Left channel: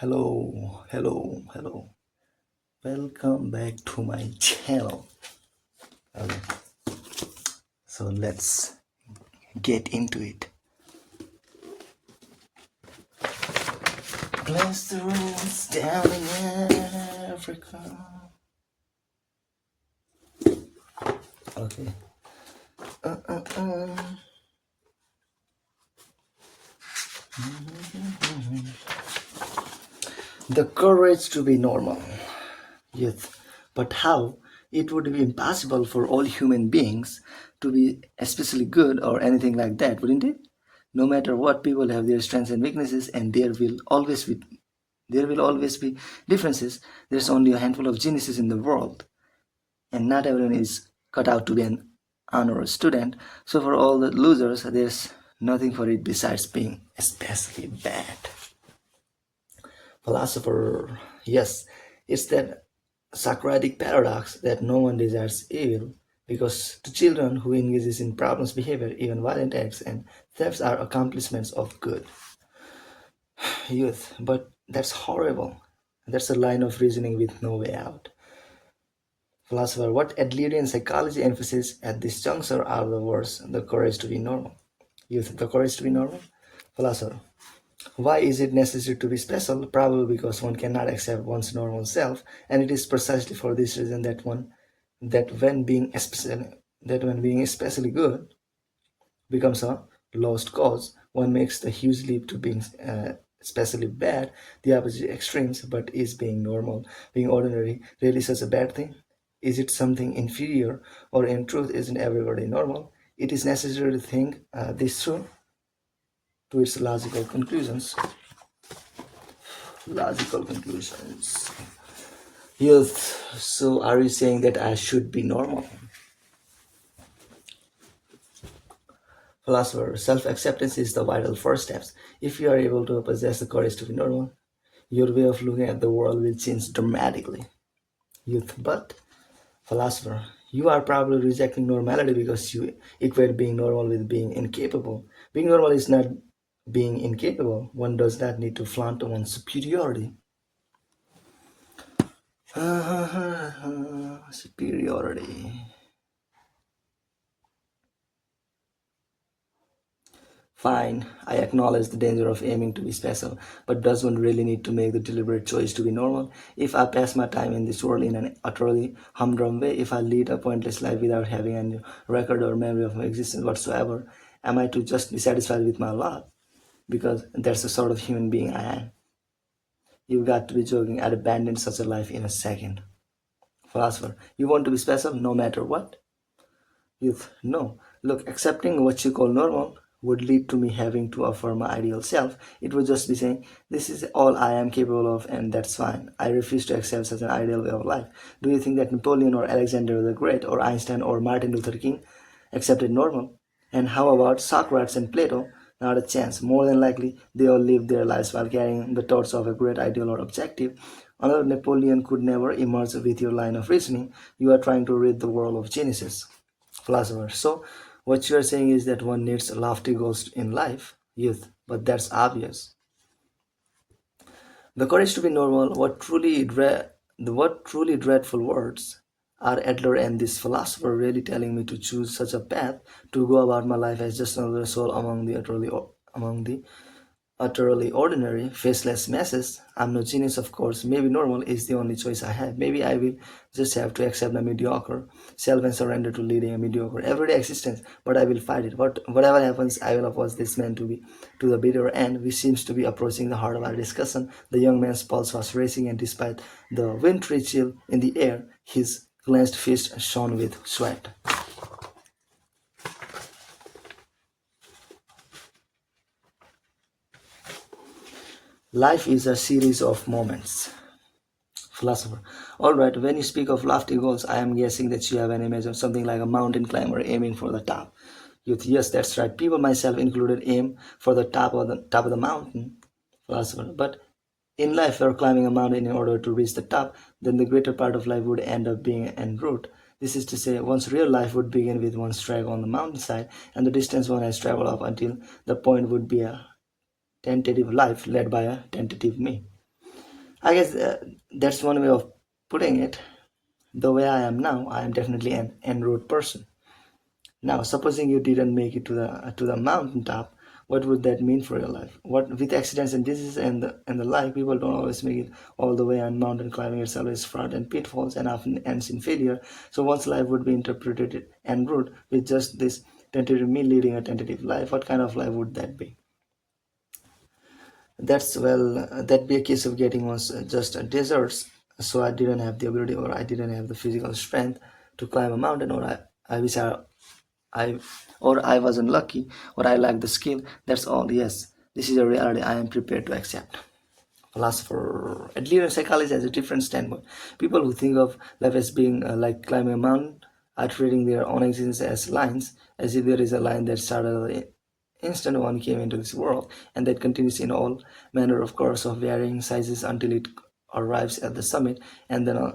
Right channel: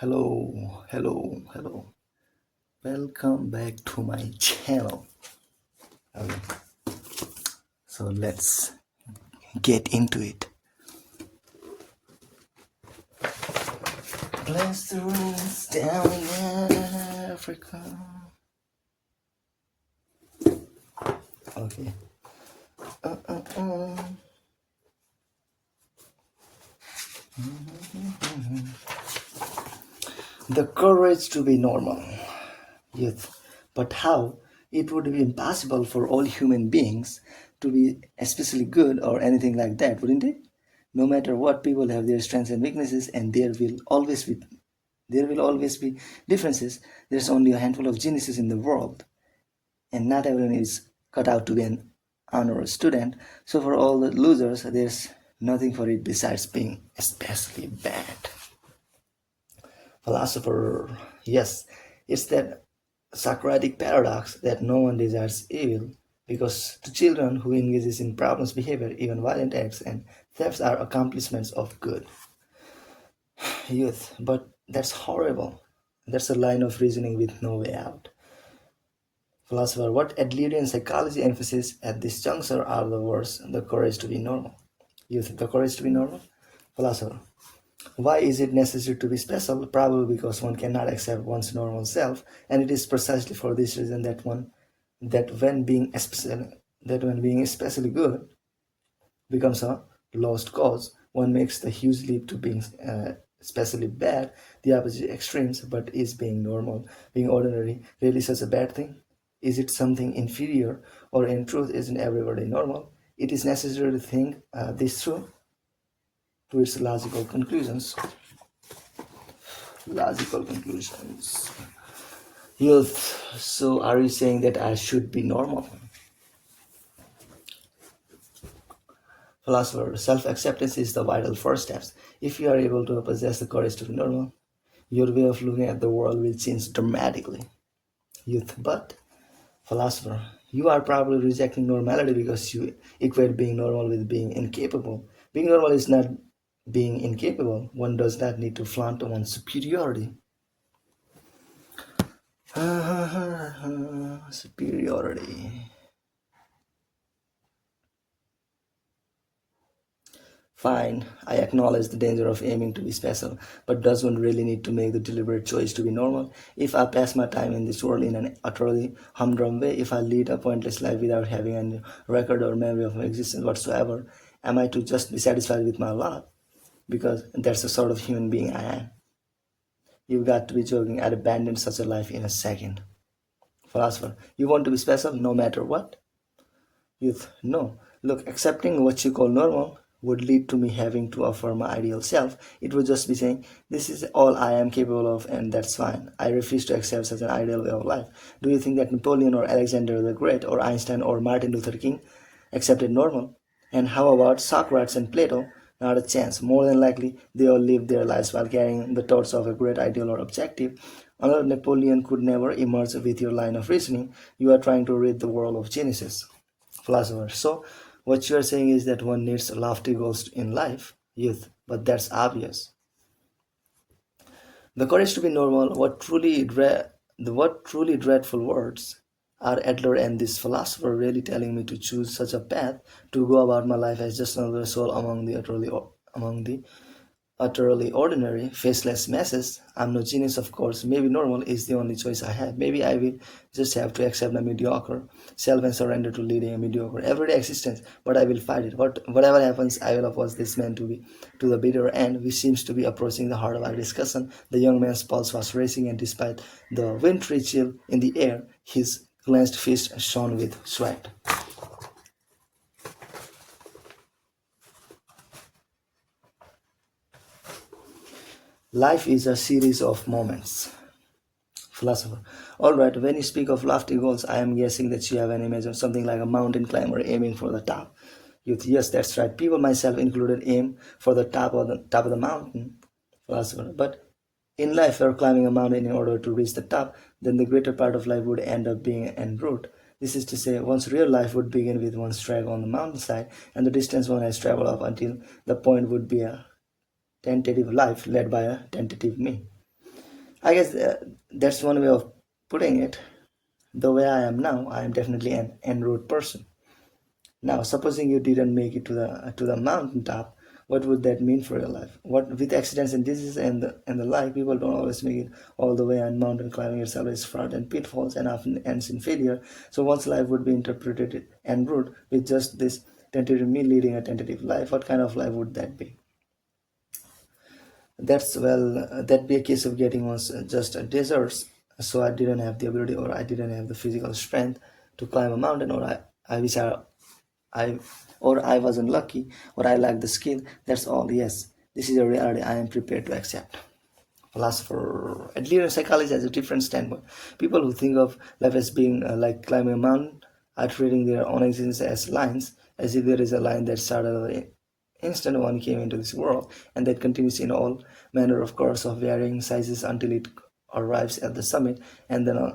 Hello, hello, hello. Welcome back to my channel. Okay, so let's get into it. Bless the rains down in Africa. Okay. Uh, uh, uh. The courage to be normal. Youth. But how? It would be impossible for all human beings to be especially good or anything like that, wouldn't it? No matter what, people have their strengths and weaknesses, and there will always be differences. There's only a handful of geniuses in the world, and not everyone is cut out to be an honor student. So for all the losers, there's nothing for it besides being especially bad. Philosopher, yes, it's that Socratic paradox that no one desires evil, because to children who engages in problems behavior, even violent acts and thefts are accomplishments of good. Youth, but that's horrible. That's a line of reasoning with no way out. Philosopher, what Adlerian psychology emphasizes at this juncture are the words the courage to be normal. Youth, the courage to be normal. Philosopher, why is it necessary to be special? Probably because one cannot accept one's normal self, and it is precisely for this reason that when being especially good becomes a lost cause, one makes the huge leap to being especially bad, the opposite extremes. But is being normal, being ordinary, really such a bad thing? Is it something inferior, or in truth, isn't everybody normal? It is necessary to think this through to its logical conclusions. Logical conclusions. Youth, so are you saying that I should be normal? Philosopher, self-acceptance is the vital first steps. If you are able to possess the courage to be normal, your way of looking at the world will change dramatically. Youth, but philosopher, you are probably rejecting normality because you equate being normal with being incapable. Being normal is not being incapable. One does not need to flaunt one's superiority. Superiority. Fine, I acknowledge the danger of aiming to be special, but does one really need to make the deliberate choice to be normal? If I pass my time in this world in an utterly humdrum way, if I lead a pointless life without having any record or memory of my existence whatsoever, am I to just be satisfied with my lot? Because that's the sort of human being I am. You've got to be joking. I'd abandon such a life in a second. Philosopher, you want to be special no matter what? Youth, no. Look, accepting what you call normal would lead to me having to affirm my ideal self. It would just be saying, this is all I am capable of, and that's fine. I refuse to accept such an ideal way of life. Do you think that Napoleon or Alexander the Great or Einstein or Martin Luther King accepted normal? And how about Socrates and Plato? Not a chance. More than likely, they all lived their lives while carrying the torch of a great ideal or objective. Another Napoleon could never emerge with your line of reasoning. You are trying to rid the world of geniuses. Philosopher. So, what you are saying is that one needs lofty goals in life, youth, but that's obvious. The courage to be normal. What truly dreadful words are Adler and this philosopher really telling me to choose such a path to go about my life as just another soul among the utterly ordinary, faceless masses. I'm no genius, of course. Maybe normal is the only choice I have. Maybe I will just have to accept my mediocre self and surrender to leading a mediocre everyday existence. But I will fight it. Whatever happens, I will oppose this man to the bitter end, which seems to be approaching the heart of our discussion. The young man's pulse was racing, and despite the wintry chill in the air, his clenched fist shone with sweat. Life is a series of moments. Philosopher. Alright, when you speak of lofty goals, I am guessing that you have an image of something like a mountain climber aiming for the top. Youth, yes, that's right. People, myself included, aim for the top of the mountain. Philosopher. But in life, you're climbing a mountain in order to reach the top, then the greater part of life would end up being en route. This is to say, one's real life would begin with one's trek on the mountainside, and the distance one has traveled up until the point would be a tentative life led by a tentative me. I guess that's one way of putting it. The way I am now, I am definitely an en route person. Now, supposing you didn't make it to the mountaintop, what would that mean for your life? What with accidents and diseases and the like, people don't always make it all the way, and mountain climbing itself is fraught and pitfalls and often ends in failure. So one's life would be interpreted en route with just this tentative me leading a tentative life. What kind of life would that be? That'd be a case of getting was just deserts. So I didn't have the ability, or I didn't have the physical strength to climb a mountain, or I wish I or I wasn't lucky, or I lacked the skill. That's all. Yes, this is a reality I am prepared to accept. Philosopher Adler psychology has a different standpoint. People who think of life as being like climbing a mountain are treating their own existence as lines, as if there is a line that started the instant one came into this world, and that continues in all manner of course of varying sizes until it arrives at the summit, and then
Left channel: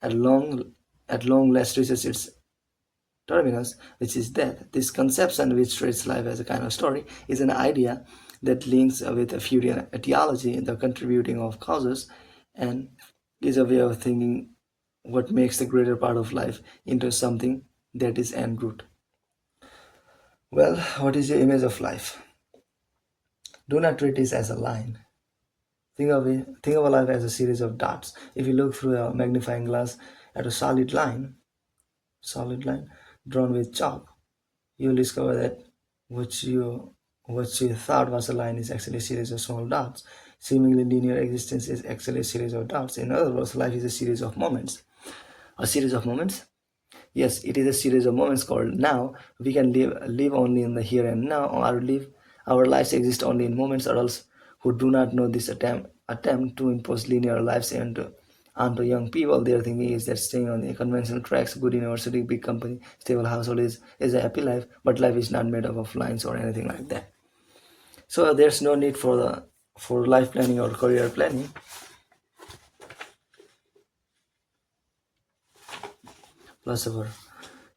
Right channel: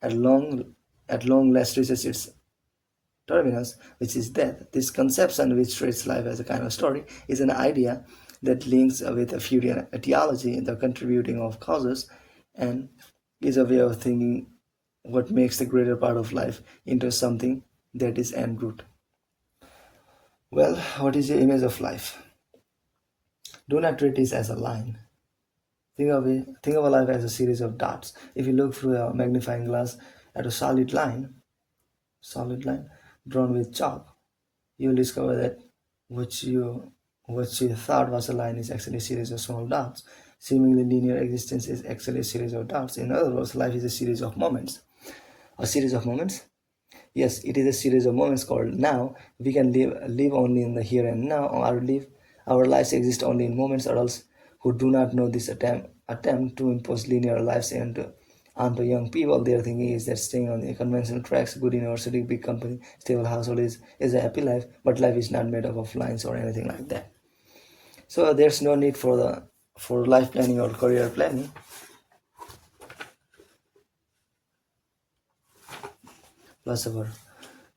at long at long last reaches its terminus, which is death. This conception, which treats life as a kind of story, is an idea that links with a Freudian etiology, the contributing of causes, and is a way of thinking what makes the greater part of life into something that is en route. Well, what is your image of life? Do not treat this as a line. Think of a life as a series of dots. If you look through a magnifying glass at a solid line drawn with chalk, you'll discover that what you thought was a line is actually a series of small dots. Seemingly linear existence is actually a series of dots. In other words, life is a series of moments. A series of moments? Yes, it is a series of moments called now. We can live only in the here and now, or our lives exist only in moments. Adults who do not know this attempt to impose linear lives onto young people, their thinking is that staying on the conventional tracks, good university, big company, stable household is a happy life, but life is not made up of lines or anything like that. So there's no need for life planning or career planning. Philosopher.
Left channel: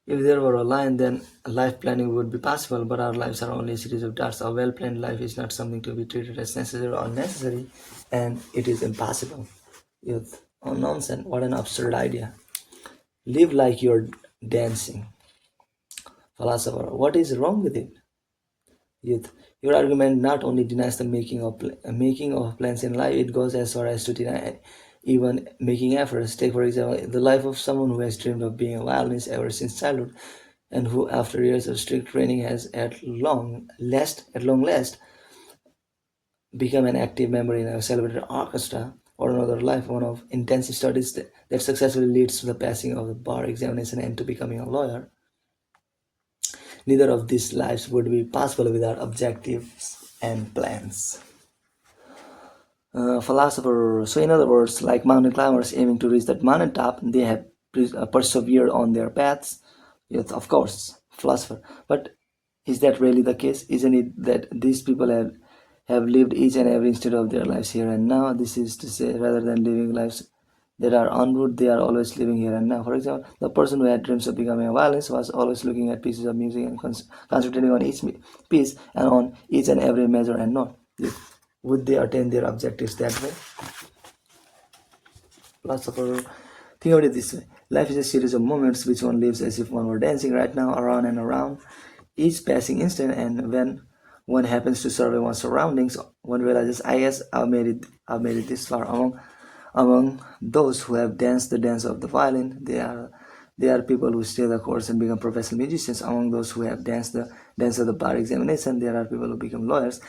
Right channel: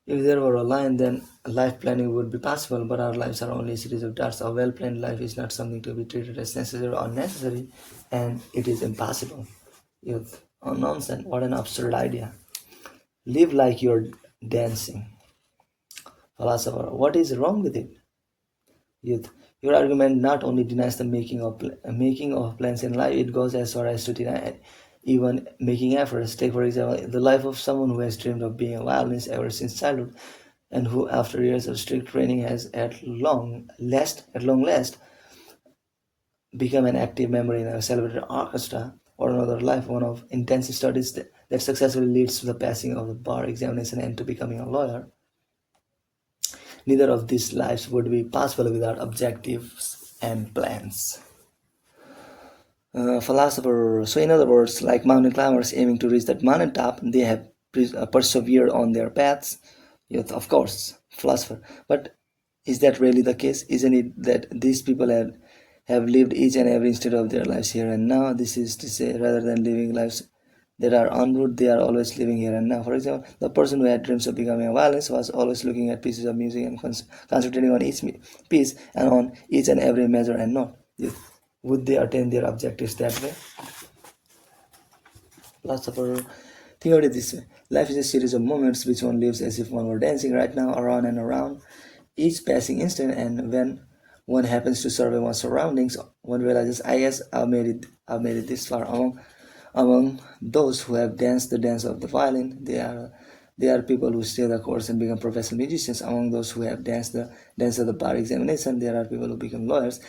If there were a line, then life planning would be possible, but our lives are only a series of dots. A well planned life is not something to be treated as necessary or unnecessary, and it is impossible. Youth. Oh, nonsense. What an absurd idea. Live like you're dancing. Philosopher. What is wrong with it? Youth. Your argument not only denies the making of plans in life, it goes as far as to deny even making efforts. Take, for example, the life of someone who has dreamed of being a violinist ever since childhood, and who, after years of strict training, has at long last, become an active member in a celebrated orchestra. Or another life, one of intensive studies that successfully leads to the passing of the bar examination and to becoming a lawyer. Neither of these lives would be possible without objectives and plans. Philosopher. So, in other words, like mountain climbers aiming to reach that mountain top, they have persevered on their paths. Yes, of course, philosopher. But is that really the case? Isn't it that these people have lived each and every instant of their lives here and now? This is to say, rather than living lives that are en route, they are always living here and now. For example, the person who had dreams of becoming a violinist was always looking at pieces of music and concentrating on each piece and on each and every measure and note. Would they attain their objectives that way? Philosopher, think of it this way. Life is a series of moments which one lives as if one were dancing right now, around and around, each passing instant, and when one happens to survey one's surroundings, one realizes, yes, I've made it this far. Among those who have danced the dance of the violin, they are people who stay the course and become professional musicians. Among those who have danced the dance of the bar examination, there are people who become lawyers.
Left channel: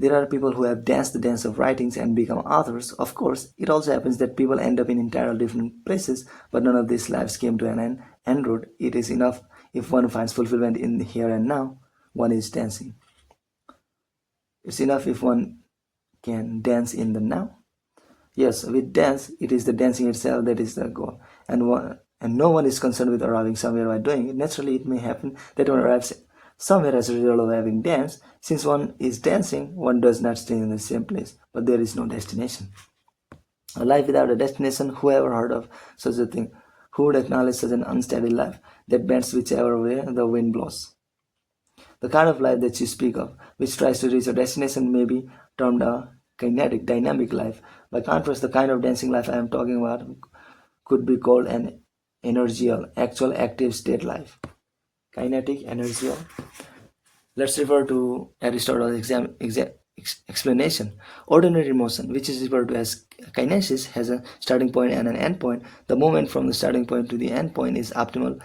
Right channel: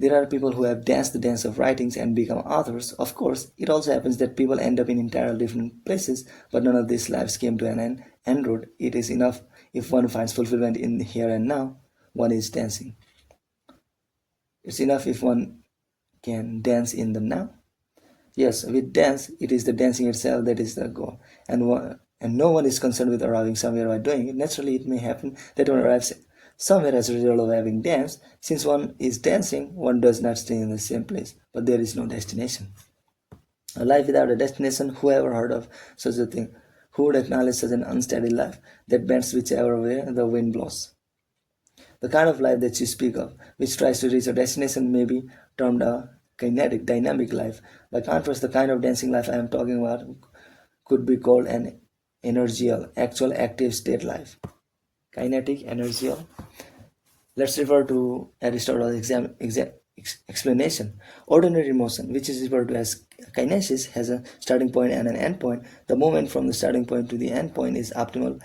There are people who have danced the dance of writings and become authors. Of course, it also happens that people end up in entirely different places, but none of these lives came to an end road. It is enough if one finds fulfillment in the here and now, one is dancing. It's enough if one can dance in the now. Yes, with dance, it is the dancing itself that is the goal, and no one is concerned with arriving somewhere by doing it. Naturally, it may happen that one arrives somewhere as a result of having danced. Since one is dancing, one does not stay in the same place, but there is no destination. A life without a destination, who ever heard of such a thing? Who would acknowledge such an unsteady life that bends whichever way the wind blows? The kind of life that you speak of, which tries to reach a destination, may be termed a kinetic, dynamic life. By contrast, the kind of dancing life I am talking about could be called an energial, actual active state life. Kinetic, energial. Let's refer to Aristotle's explanation. Ordinary motion, which is referred to as kinesis, has a starting point and an end point. The movement from the starting point to the end point is optimal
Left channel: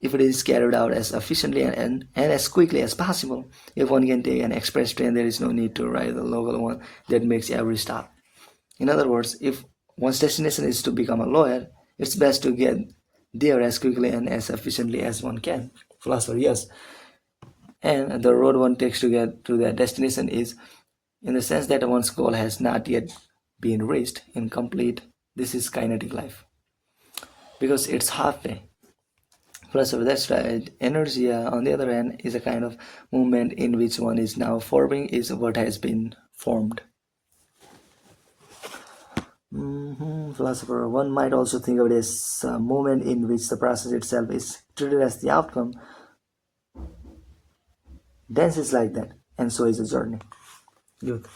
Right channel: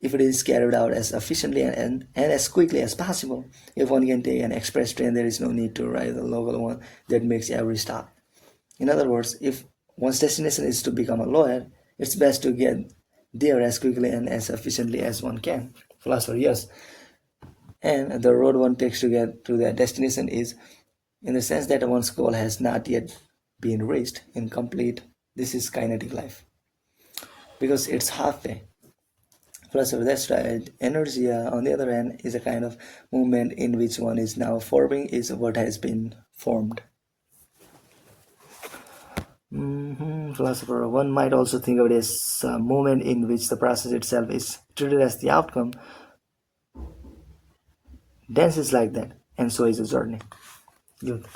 if it is carried out as efficiently and as quickly as possible. If one can take an express train, there is no need to ride the local one that makes every stop. In other words, if one's destination is to become a lawyer, it's best to get there as quickly and as efficiently as one can. Philosopher, yes. And the road one takes to get to their destination is, in the sense that one's goal has not yet been reached, incomplete. This is kinetic life, because it's halfway. Philosopher, that's right. Energy, on the other hand, is a kind of movement in which one is now forming is what has been formed. Philosopher, one might also think of it as a moment in which the process itself is treated as the outcome. Dance is like that, and so is a journey.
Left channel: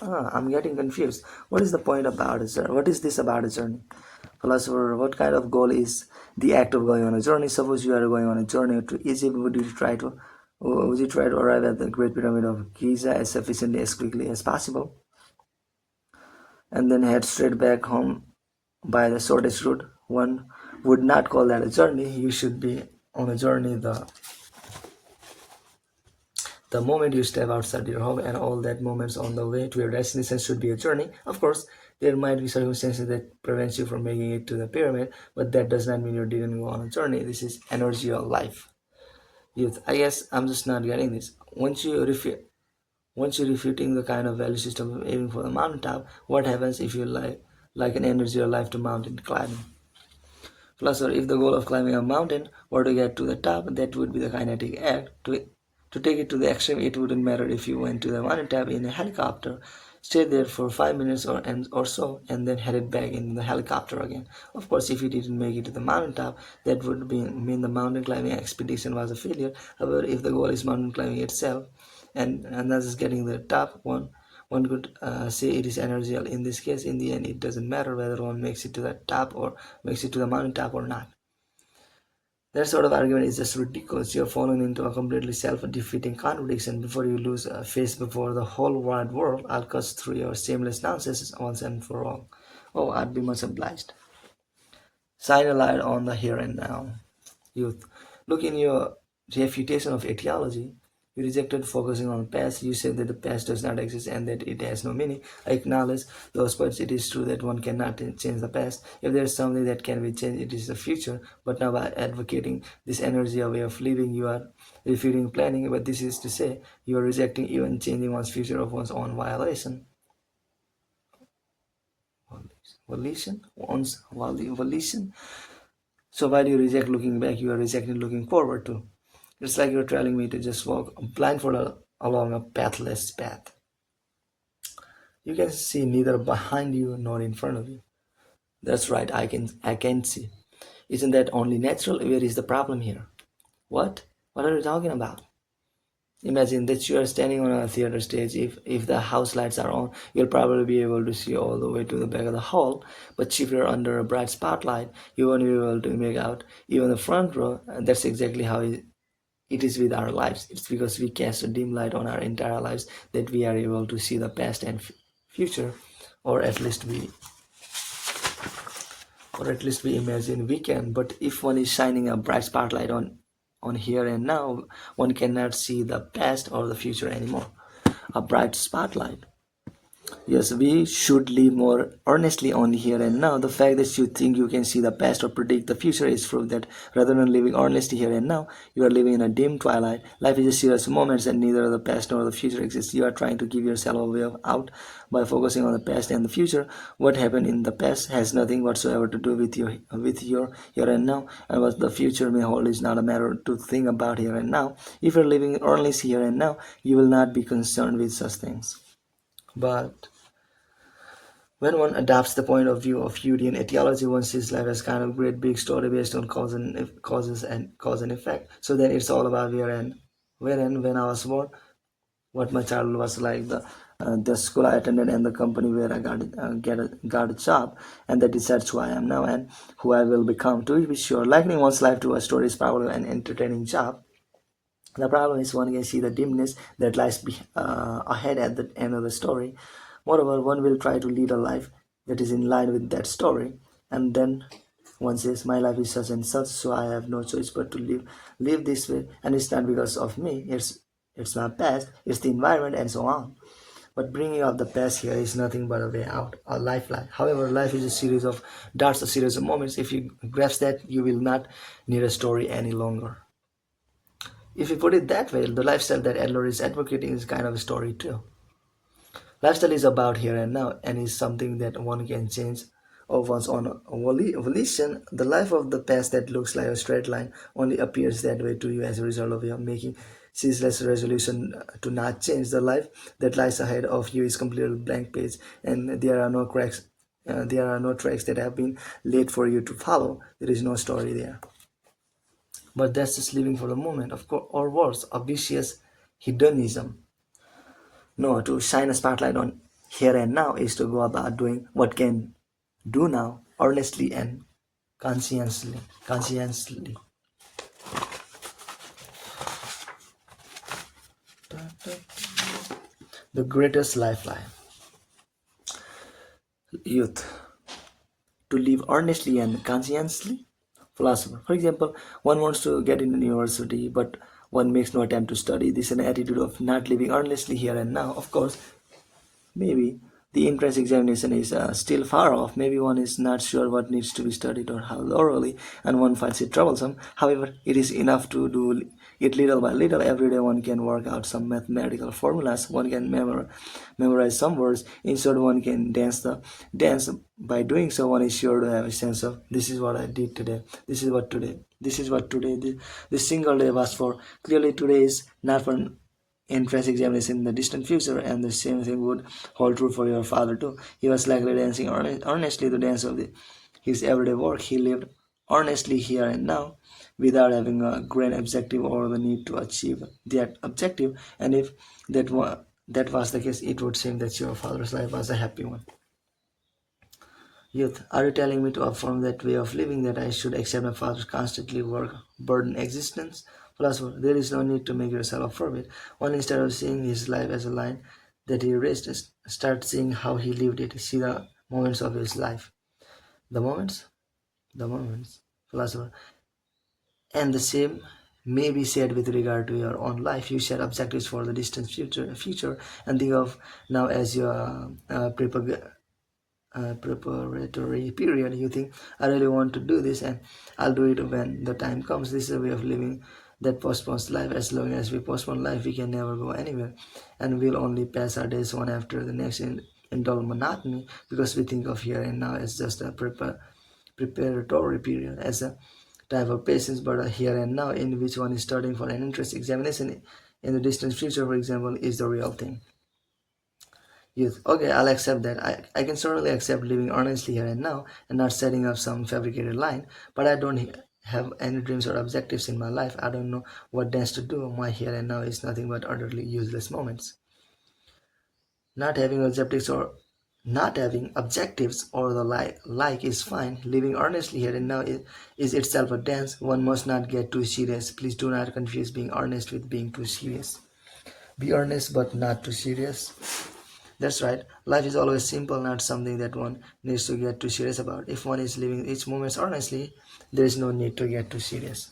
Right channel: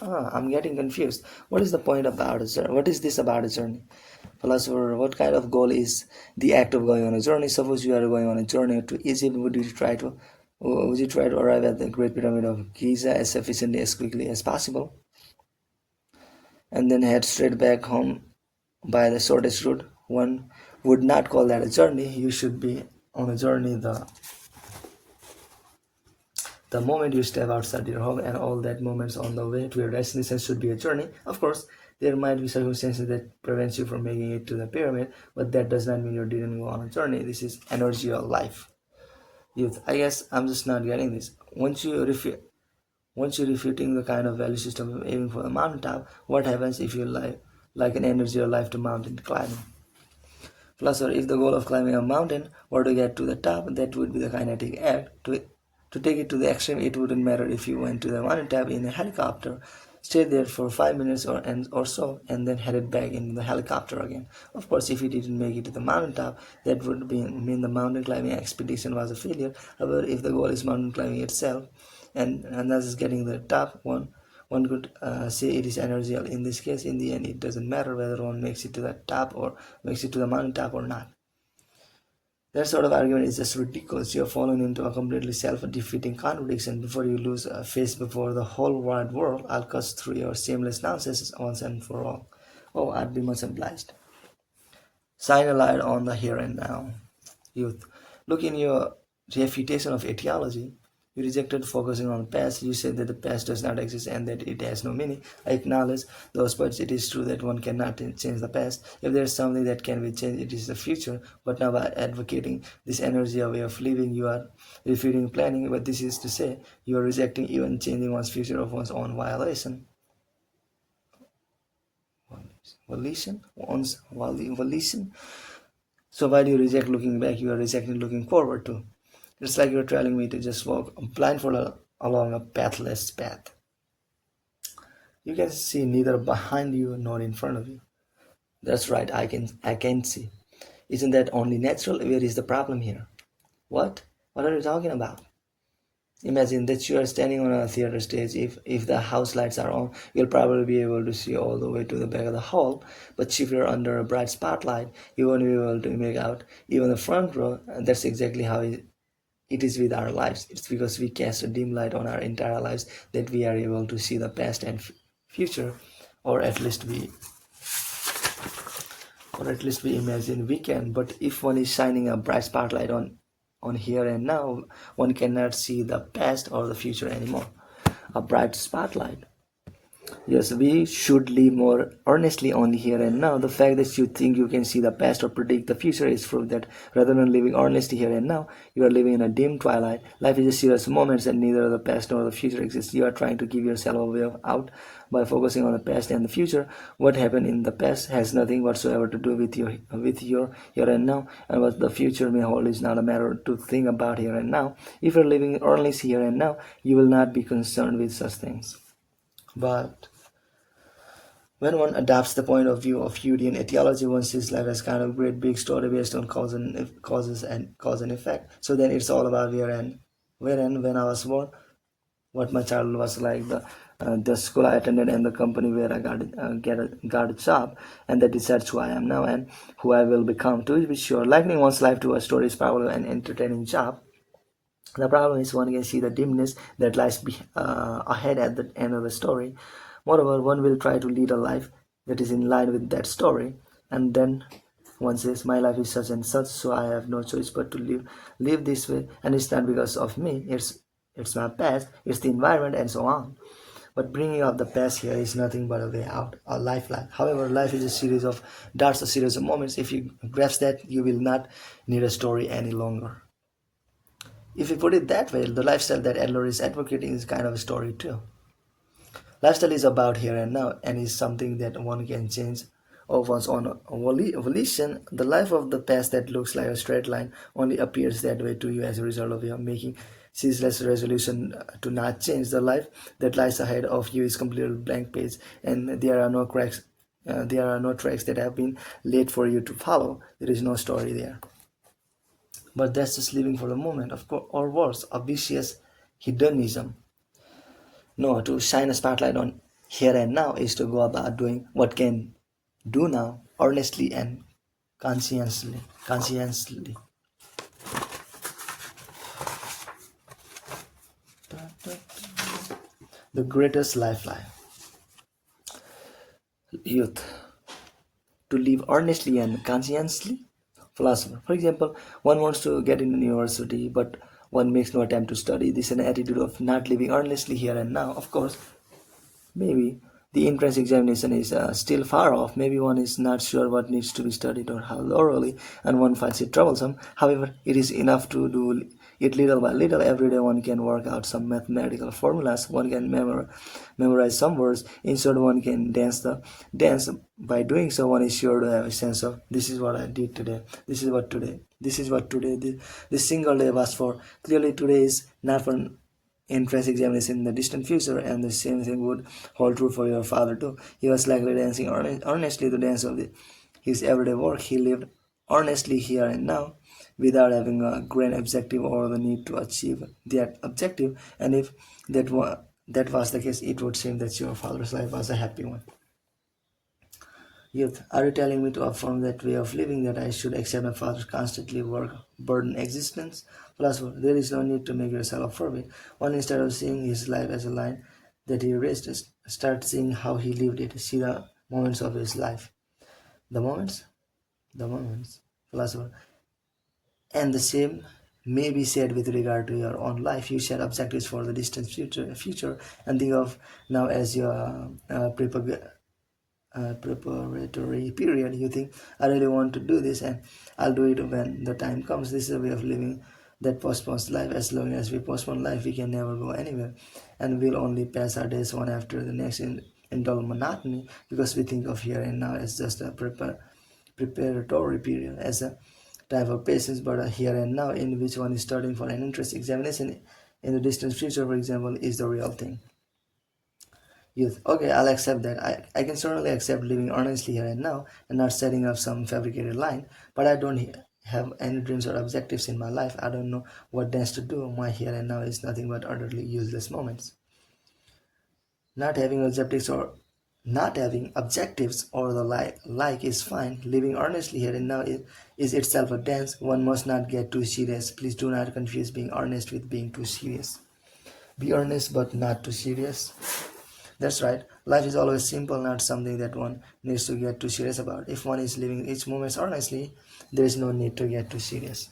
I'm getting confused. What is the point about a journey? What is this about a journey? Philosopher, what kind of goal is the act of going on a journey? Suppose you are going on a journey to Egypt. Would you try to arrive at the Great Pyramid of Giza as efficiently as quickly as possible, and then head straight back home by the shortest route? One would not call that a journey. You should be on a journey the moment you step outside your home, and all that moments on the way to your destination should be a journey. Of course, there might be circumstances that prevents you from making it to the pyramid, but that does not mean you didn't go on a journey. This is energy of life. Youth, I guess I'm just not getting this. Once you're refuting the kind of value system of aiming for the mountaintop, what happens if you like an energy of life to mountain climbing? Philosopher, if the goal of climbing a mountain were to get to the top, that would be the kinetic act. To take it to the extreme, it wouldn't matter if you went to the mountaintop in a helicopter, stayed there for 5 minutes or so, and then headed back in the helicopter again. Of course, if you didn't make it to the mountaintop, that would mean the mountain climbing expedition was a failure. However, if the goal is mountain climbing itself, and that is getting the top one could say it is energial. In this case, in the end, it doesn't matter whether one makes it to the top or makes it to the mountaintop or not. That sort of argument is just ridiculous. You're falling into a completely self-defeating contradiction. Before you lose face before the whole wide world, I'll cut through your shameless nonsense once and for all. Oh, I'd be much obliged. Shine a light on the here and now. Youth, look, in your refutation of etiology, you rejected focusing on past. You said that the past does not exist and that it has no meaning. I acknowledge those parts. It is true that one cannot change the past. If there is something that can be changed, it is the future. But now, by advocating this energy way of living, you are refuting planning. But this is to say, you are rejecting even changing one's future of one's own violation. Volition? One's volition? So why do you reject looking back? You are rejecting looking forward too. It's like you're telling me to just walk blindfolded along a pathless path. You can see neither behind you nor in front of you. That's right, I can see. Isn't that only natural? Where is the problem here? What? What are you talking about? Imagine that you are standing on a theater stage. If the house lights are on, you'll probably be able to see all the way to the back of the hall. But if you're under a bright spotlight, you won't be able to make out even the front row. And that's exactly how it is with our lives. It's because we cast a dim light on our entire lives that we are able to see the past and future, or at least we imagine we can. But if one is shining a bright spotlight on here and now, one cannot see the past or the future anymore. A bright spotlight. Yes, we should live more earnestly on here and now. The fact that you think you can see the past or predict the future is proof that rather than living earnestly here and now, you are living in a dim twilight. Life is a series of moments and neither the past nor the future exists. You are trying to give yourself a way out by focusing on the past and the future. What happened in the past has nothing whatsoever to do with your here and now, and what the future may hold is not a matter to think about here and now. If you're living earnestly here and now, you will not be concerned with such things. But when one adopts the point of view of Jungian etiology, one sees life as kind of great big story based on cause and effect. So then it's all about where and when I was born, what my childhood was like, the school I attended and the company where I got a job, and that decides who I am now and who I will become. To be sure, likening one's life to a story is probably an entertaining job. The problem is one can see the dimness that lies ahead at the end of the story. Moreover, one will try to lead a life that is in line with that story, and then one says, "My life is such and such, so I have no choice but to live this way, and it's not because of me. It's my past, it's the environment, and so on." But bringing up the past here is nothing but a way out, a lifeline. However, life is a series of darts, a series of moments. If you grasp that, you will not need a story any longer. If you put it that way, the lifestyle that Adler is advocating is kind of a story too. Lifestyle is about here and now and is something that one can change of one's own volition. The life of the past that looks like a straight line only appears that way to you as a result of your making ceaseless resolution to not change. The life that lies ahead of you is completely blank page, and there are no cracks. There are no tracks that have been laid for you to follow. There is no story there. But that's just living for the moment, of course, or worse, a vicious hedonism. No, to shine a spotlight on here and now is to go about doing what can do now, honestly and conscientiously. The greatest lifeline. Youth. To live honestly and conscientiously. Philosopher. For example, one wants to get into university, but one makes no attempt to study. This is an attitude of not living earnestly here and now. Of course, maybe the entrance examination is still far off. Maybe one is not sure what needs to be studied or how thoroughly, and one finds it troublesome. However, it is enough to do it little by little. Every day one can work out some mathematical formulas. One can memorize some words. In short, one can dance. By doing so, one is sure to have a sense of this is what I did today. This is what today. This is what today. This single day was for. Clearly, today is not for entrance examination in the distant future, and the same thing would hold true for your father too. He was likely dancing earnestly the dance of his everyday work. He lived earnestly here and now without having a grand objective or the need to achieve that objective. And if that was the case, it would seem that your father's life was a happy one. Youth, are you telling me to affirm that way of living, that I should accept my father's constantly work burden existence? Philosopher, there is no need to make yourself affirm it. One, instead of seeing his life as a line that he erased, start seeing how he lived it. See the moments of his life. The moments? The moments. Philosopher. And the same may be said with regard to your own life. You set objectives for the distant future, and think of now as your preparatory period. You think, I really want to do this and I'll do it when the time comes. This is a way of living that postpones life. As long as we postpone life, we can never go anywhere, and we'll only pass our days one after the next in dull monotony, because we think of here and now as just a preparatory period, as a time for patience. But a here and now in which one is studying for an entrance examination in the distant future, for example, is the real thing. Youth, okay, I'll accept that. I can certainly accept living honestly here and now and not setting up some fabricated line, but I don't have any dreams or objectives in my life. I don't know what dance to do. My here and now is nothing but utterly useless moments. Not having objectives or the like is fine. Living earnestly here and now is itself a dance. One must not get too serious. Please do not confuse being earnest with being too serious. Be earnest but not too serious. That's right. Life is always simple, not something that one needs to get too serious about. If one is living each moment honestly, there is no need to get too serious.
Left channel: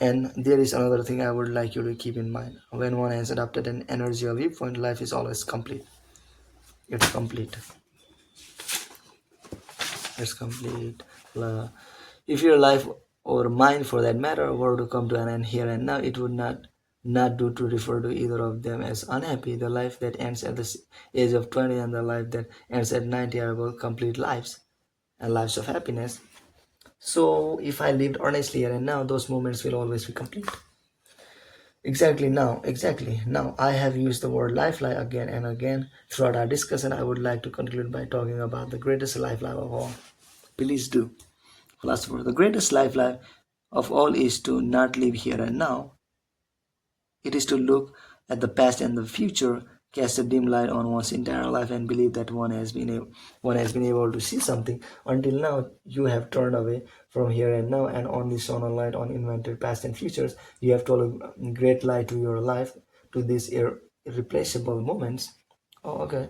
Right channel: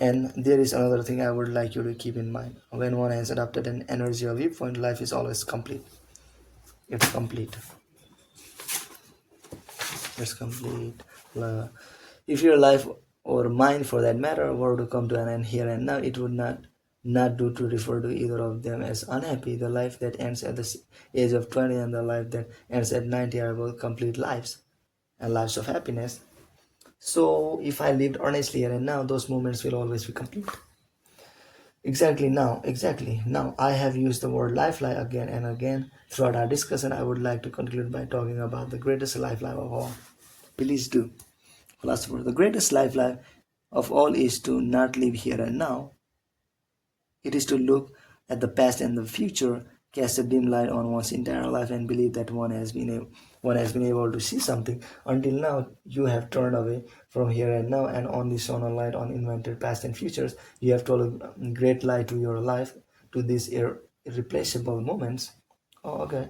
And there is another thing I would like you to keep in mind. When one has adopted an energy or viewpoint, life is always complete. It's complete. It's complete. If your life or mind, for that matter, were to come to an end here and now, it would not do to refer to either of them as unhappy. The life that ends at the age of 20 and the life that ends at 90 are both complete lives and lives of happiness. So if I lived honestly here and now, those moments will always be complete. Exactly now, I have used the word lifeline again and again throughout our discussion. I would like to conclude by talking about the greatest lifeline of all. Please do. Philosopher, the greatest lifeline of all is to not live here and now. It is to look at the past and the future cast a dim light on one's entire life and believe that one has been able to see something. Until now, you have turned away from here and now and only shone a light on invented past and futures. You have told a great lie to your life, to these irreplaceable moments. Oh, okay.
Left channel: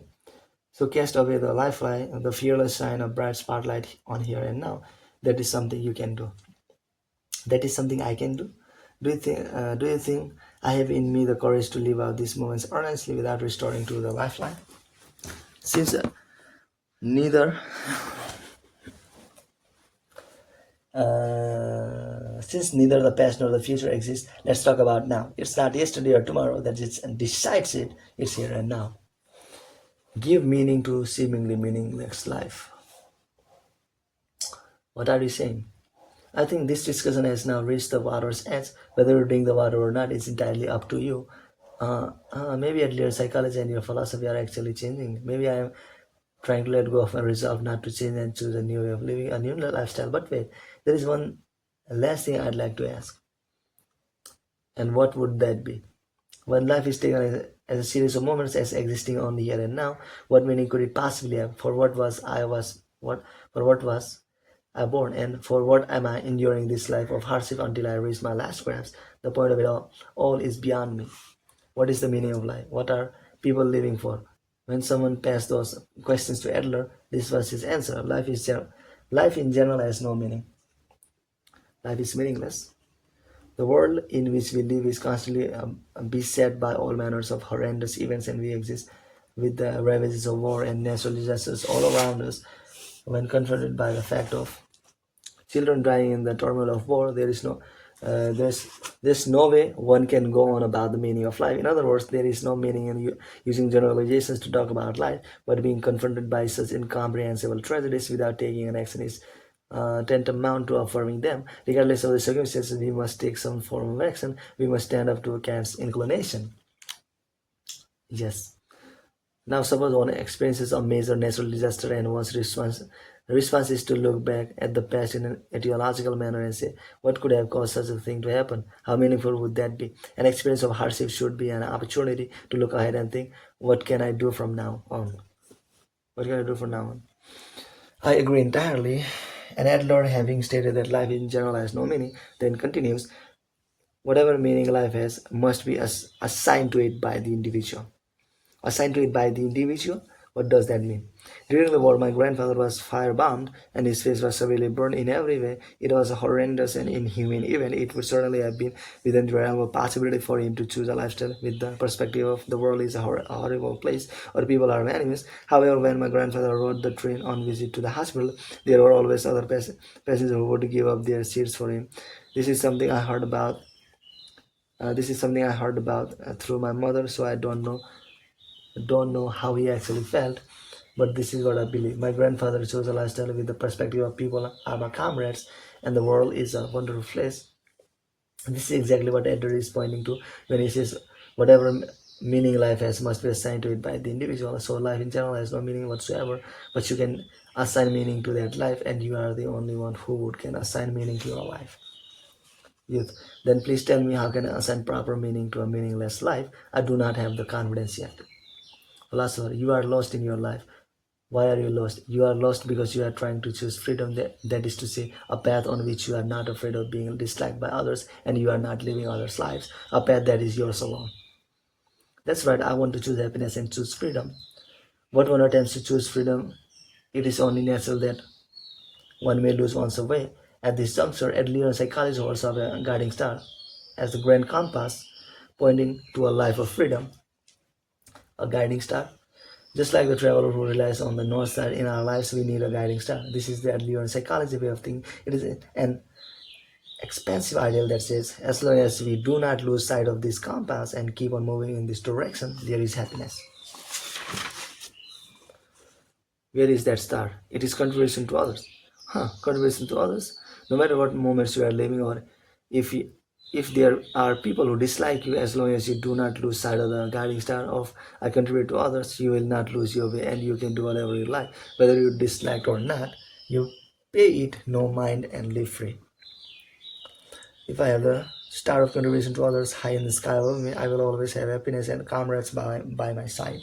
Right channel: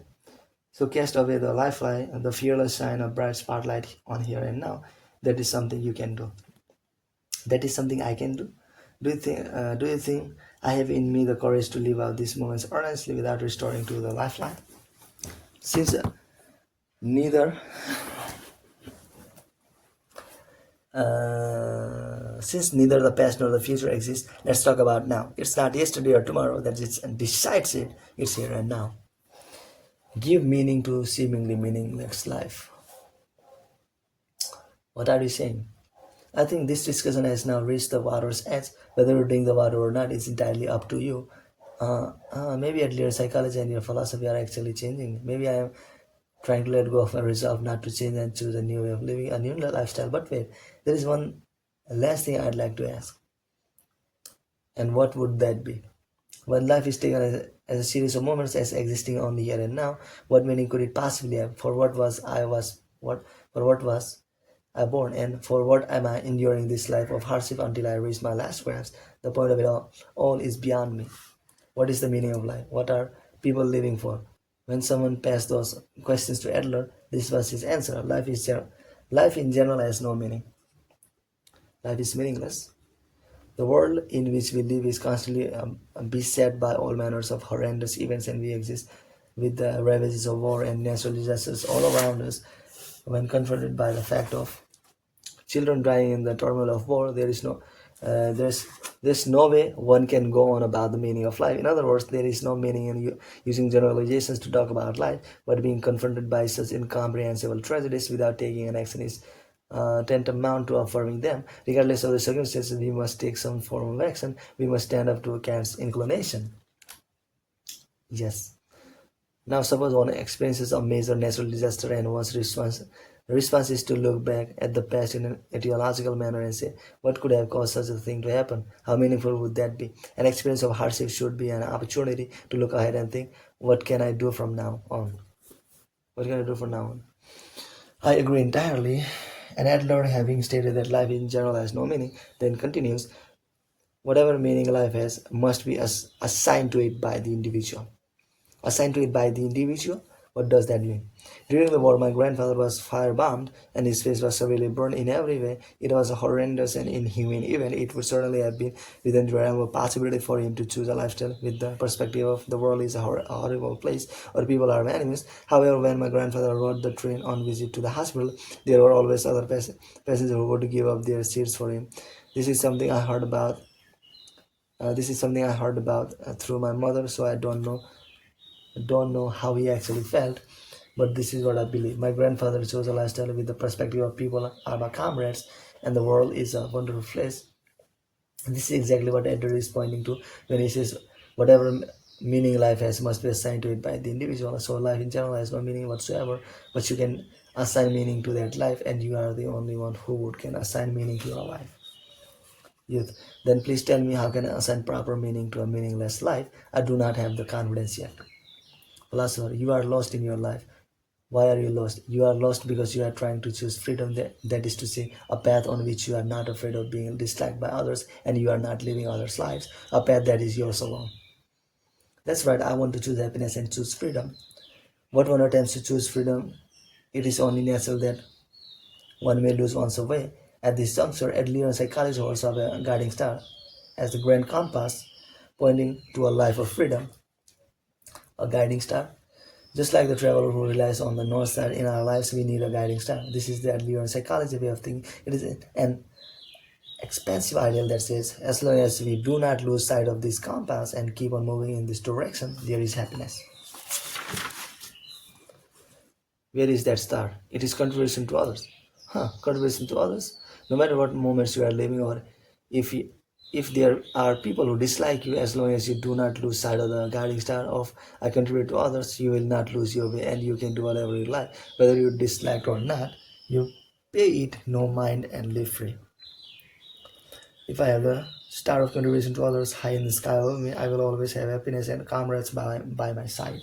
So cast away the lifeline, the fearless shine of bright spotlight on here and now. That is something you can do. That is something I can do. Do you think I have in me the courage to live out these moments earnestly without restoring to the lifeline? Since neither since neither the past nor the future exists, let's talk about now. It's not yesterday or tomorrow that decides it. It's here and now. Give meaning to seemingly meaningless life. What are you saying? I think this discussion has now reached the water's edge. Whether you drink the water or not is entirely up to you. Maybe at least psychology and your philosophy are actually changing. Maybe I am trying to let go of my resolve not to change and choose a new way of living, a new lifestyle. But wait, there is one last thing I'd like to ask. And what would that be? When life is taken as a series of moments as existing only here and now, what meaning could it possibly have? For what was I born, and for what am I enduring this life of hardship until I reach my last grasp? The point of it all is beyond me. What is the meaning of life? What are people living for? When someone passed those questions to Adler, this was his answer. Life in general has no meaning. Life is meaningless. The world in which we live is constantly beset by all manners of horrendous events, and we exist with the ravages of war and natural disasters all around us. When confronted by the fact of children dying in the turmoil of war, there's no way one can go on about the meaning of life. In other words, there is no meaning in using generalizations to talk about life, but being confronted by such incomprehensible tragedies without taking an action is tantamount to affirming them. Regardless of the circumstances, we must take some form of action. We must stand up to Kant's inclination. Yes. Now, suppose one experiences a major natural disaster and one's response is to look back at the past in an etiological manner and say, what could have caused such a thing to happen? How meaningful would that be? An experience of hardship should be an opportunity to look ahead and think, what can I do from now on? What can I do from now on? I agree entirely. And Adler, having stated that life in general has no meaning, then continues, whatever meaning life has must be assigned to it by the individual. Assigned to it by the individual? What does that mean? During the war, my grandfather was firebombed and his face was severely burned in every way. It was a horrendous and inhuman event. It would certainly have been within the realm of possibility for him to choose a lifestyle with the perspective of the world is a horrible place or people are enemies. However, when my grandfather rode the train on visit to the hospital, there were always other passengers who would give up their seats for him. This is something I heard about. Through my mother, so I don't know how he actually felt, but this is what I believe. My grandfather chose a lifestyle with the perspective of people are my comrades and the world is a wonderful place. And this is exactly what Edward is pointing to when he says whatever meaning life has must be assigned to it by the individual. So life in general has no meaning whatsoever, but you can assign meaning to that life, and you are the only one who can assign meaning to your life. Youth, then please tell me, how can I assign proper meaning to a meaningless life? I do not have the confidence yet. Philosopher, you are lost in your life. Why are you lost? You are lost because you are trying to choose freedom, that is to say, a path on which you are not afraid of being disliked by others and you are not living others' lives, a path that is yours alone. That's right, I want to choose happiness and choose freedom. What one attempts to choose freedom, it is only natural that one may lose one's way. At this juncture, Adlerian psychology holds up a guiding star as the grand compass pointing to a life of freedom. A guiding star. Just like the traveler who relies on the north star in our lives, we need a guiding star. This is the Adlerian psychology way of thinking. It is an expansive ideal that says, as long as we do not lose sight of this compass and keep on moving in this direction, there is happiness. Where is that star? It is contribution to others. Contribution to others? No matter what moments you are living, or if there are people who dislike you, as long as you do not lose sight of the guiding star of I contribute to others, you will not lose your way and you can do whatever you like. Whether you dislike or not, you pay it no mind and live free. If I have the star of contribution to others, high in the sky above me. I will always have happiness and comrades by my side.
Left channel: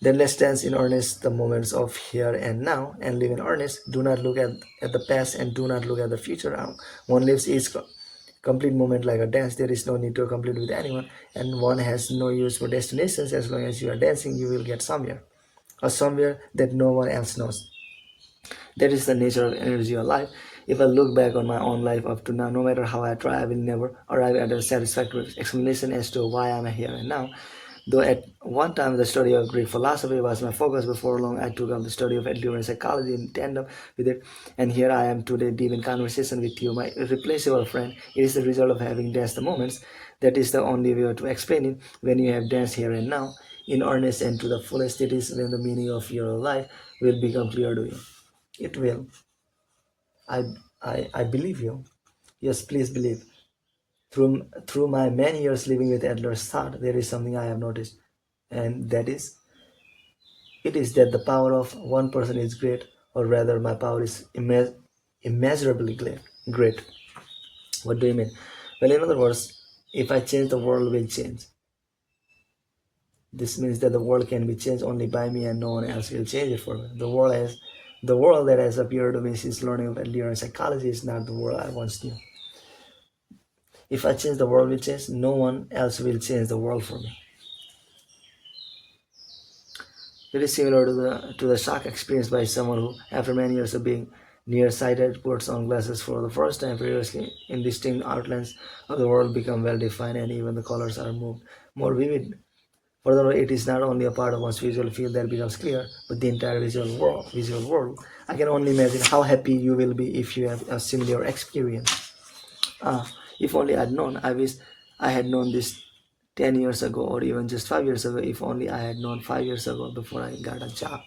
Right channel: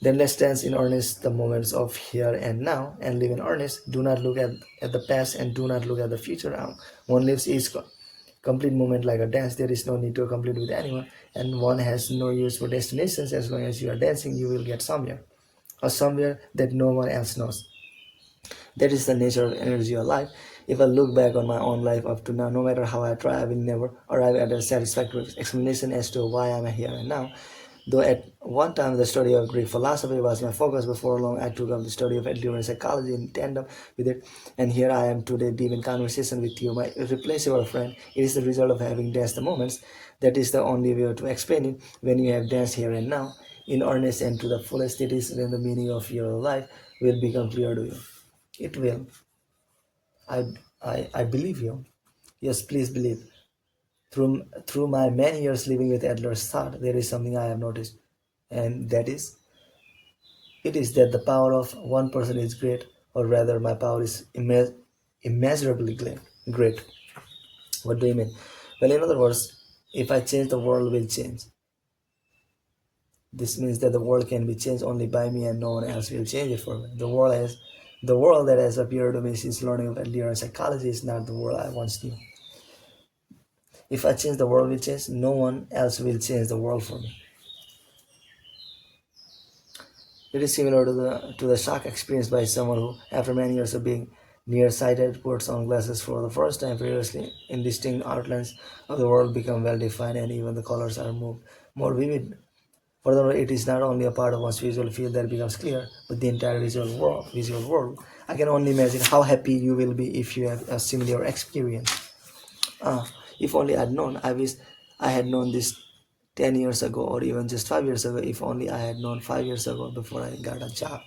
Then let's dance in earnest the moments of here and now and live in earnest. Do not look at the past and do not look at the future. One lives each complete moment like a dance. There is no need to complete with anyone, and one has no use for destinations. As long as you are dancing, you will get somewhere, or somewhere that no one else knows. That is the nature of energy of life. If I look back on my own life up to now, no matter how I try, I will never arrive at a satisfactory explanation as to why I am here and now. Though at one time the study of Greek philosophy was my focus, before long I took up the study of endurance psychology in tandem with it, and here I am today deep in conversation with you, my irreplaceable friend. It is the result of having danced the moments. That is the only way to explain it. When you have danced here and now, in earnest and to the fullest, it is when the meaning of your life will become clear to you. It will. I, I believe you. Yes, please believe. Through my many years living with Adler's thought, there is something I have noticed, and that is, it is that the power of one person is great, or rather, my power is immeasurably great. What do you mean? Well, in other words, if I change, the world will change. This means that the world can be changed only by me, and no one else will change it for me. The world that has appeared to me since learning of Adler psychology is not the world I once knew. If I change, the world will change. No one else will change the world for me. It is similar to the shock experienced by someone who, after many years of being nearsighted, puts on glasses for the first time. Previously, indistinct outlines of the world become well defined, and even the colors are moved more vivid. Furthermore, it is not only a part of one's visual field that becomes clear, but the entire visual world. I can only imagine how happy you will be if you have a similar experience. If only I'd known. I wish I had known this 10 years ago, or even just 5 years ago. If only I had known 5 years ago before I got a job.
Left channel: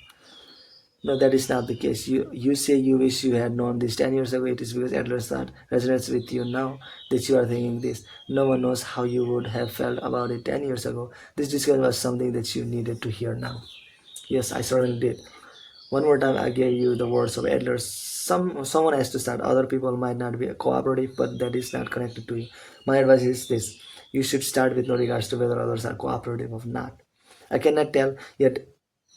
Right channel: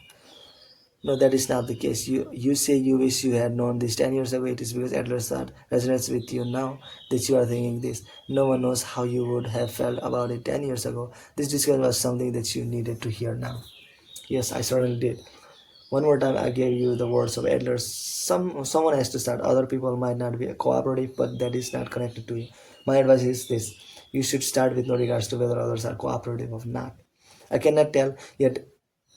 No, that is not the case. You say you wish you had known this 10 years ago. It is because Adler's thought resonates with you now that you are thinking this. No one knows how you would have felt about it 10 years ago. This discussion was something that you needed to hear now. Yes, I certainly did. One more time, I gave you the words of Adler. Someone has to start. Other people might not be cooperative, but that is not connected to you. My advice is this: you should start with no regards to whether others are cooperative or not. I cannot tell yet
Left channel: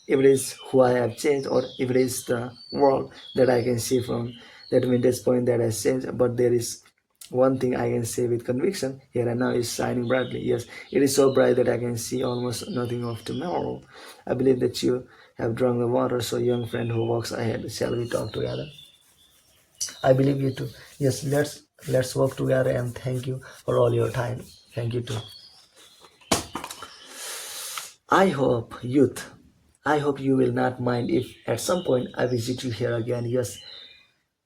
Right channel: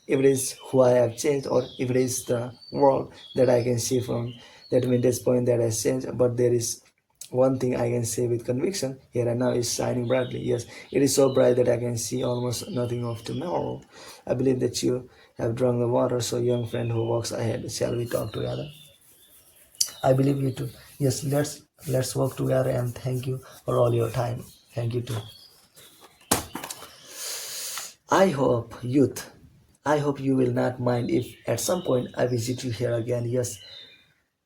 if it is who I have changed, or if it is the world that I can see from that vintage point that has changed. But there is one thing I can say with conviction: here and now is shining brightly. Yes, it is so bright that I can see almost nothing of tomorrow. I believe that you have drunk the water, so young friend who walks ahead, shall we talk together? I believe you too. Yes, let's work together, and thank you for all your time. Thank you too. I hope, youth, I hope you will not mind if at some point I visit you here again. Yes,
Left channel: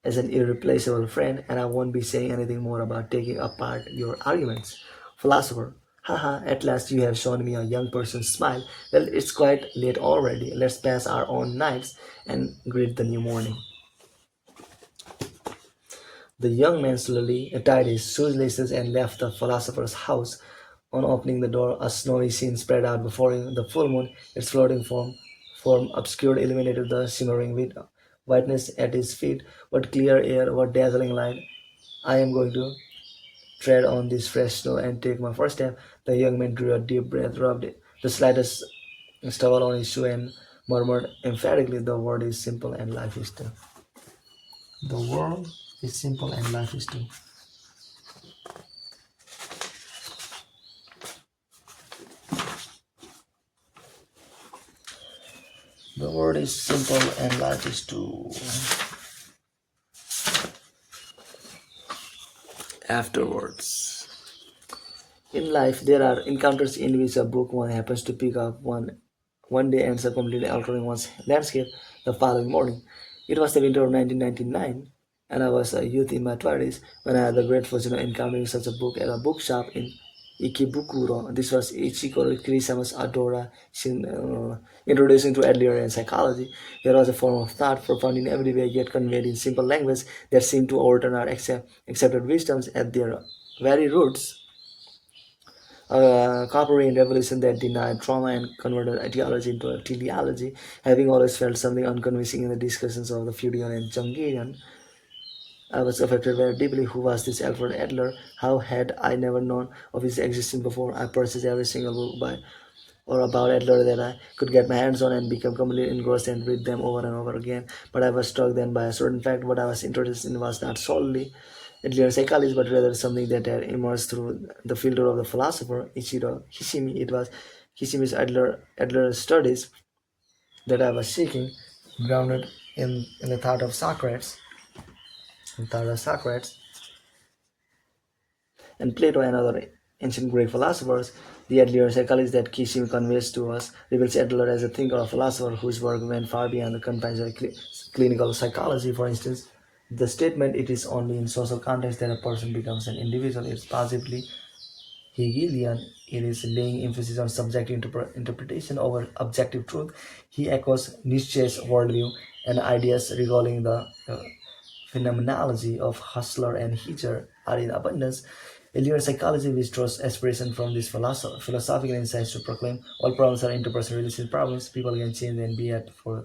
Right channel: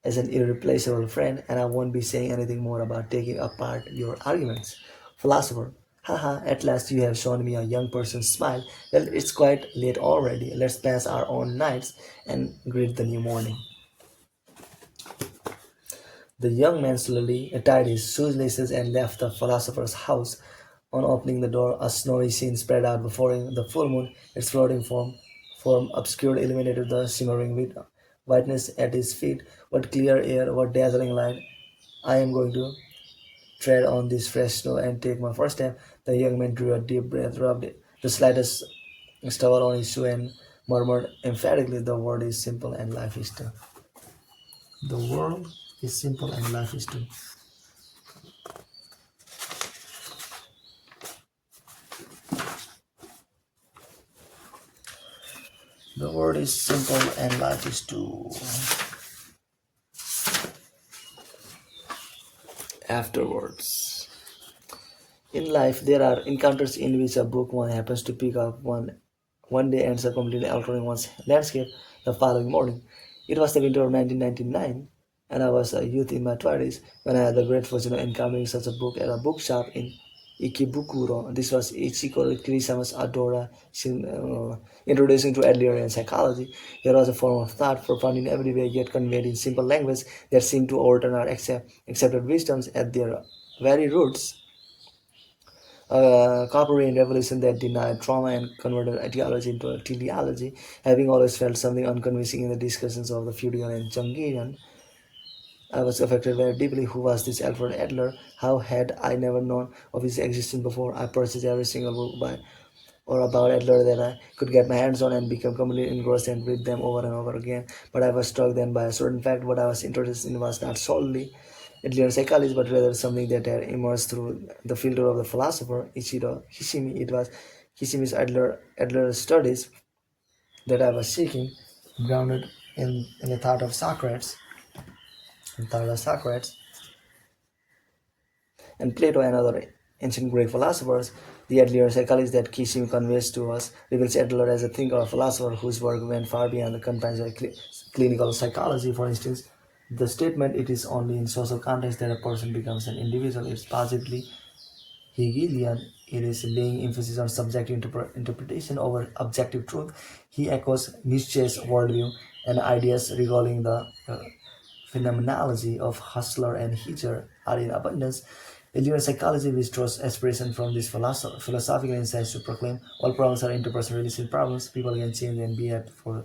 as an irreplaceable friend, and I won't be saying anything more about taking apart your arguments. Philosopher, haha, at last you have shown me a young person's smile. Well, it's quite late already. Let's pass our own nights and greet the new morning. The young man slowly tied his shoelaces and left the philosopher's house. On opening the door, a snowy scene spread out before him. The full moon, its floating form obscured, illuminated the shimmering whiteness at his feet. What clear air, what dazzling light! I am going to tread on this fresh snow and take my first step. The young man drew a deep breath, rubbed the slightest stubble on his shoe, and murmured emphatically, "The world is simple and life is too." The world is simple and life is too. The world is simple and life is too. Afterwards. In life, there are encounters in which a book one happens to pick up one day ends up completely altering one's landscape the following morning. It was the winter of 1999, and I was a youth in my 20s when I had the great fortune of encountering such a book at a bookshop in Ikebukuro. This was Ichiko Kirisawa's Adora introducing to Adlerian psychology. Here was a form of thought profound in every way, yet conveyed in simple language that seemed to overturn our accepted wisdoms at their very roots. A Carperian revolution that denied trauma and converted etiology into a teleology. Having always felt something unconvincing in the discussions of the Freudian and Jungian, I was affected very deeply. Who was this Alfred Adler? How had I never known of his existence before? I purchased every single book by or about Adler that I could get my hands on and become completely engrossed and read them over and over again. But I was struck then by a certain fact. What I was interested in was not solely Adler's psychology, but rather something that had emerged through the filter of the philosopher Ichiro Kishimi. It was Kishimi's Adler studies that I was seeking, grounded in the thought of Socrates, and Plato and other ancient Greek philosophers. The Adler psychology that Kishimi conveys to us reveals Adler as a thinker or philosopher whose work went far beyond the confines of clinical psychology. For instance, the statement, "it is only in social context that a person becomes an individual," is positively Hegelian. It is laying emphasis on subjective interpretation over objective truth. He echoes Nietzsche's worldview and ideas regarding the phenomenology of Hustler and Hitcher are in abundance. Earlier psychology, which draws aspiration from these philosophical insights to proclaim all problems are interpersonal relationship problems, people can change and be at for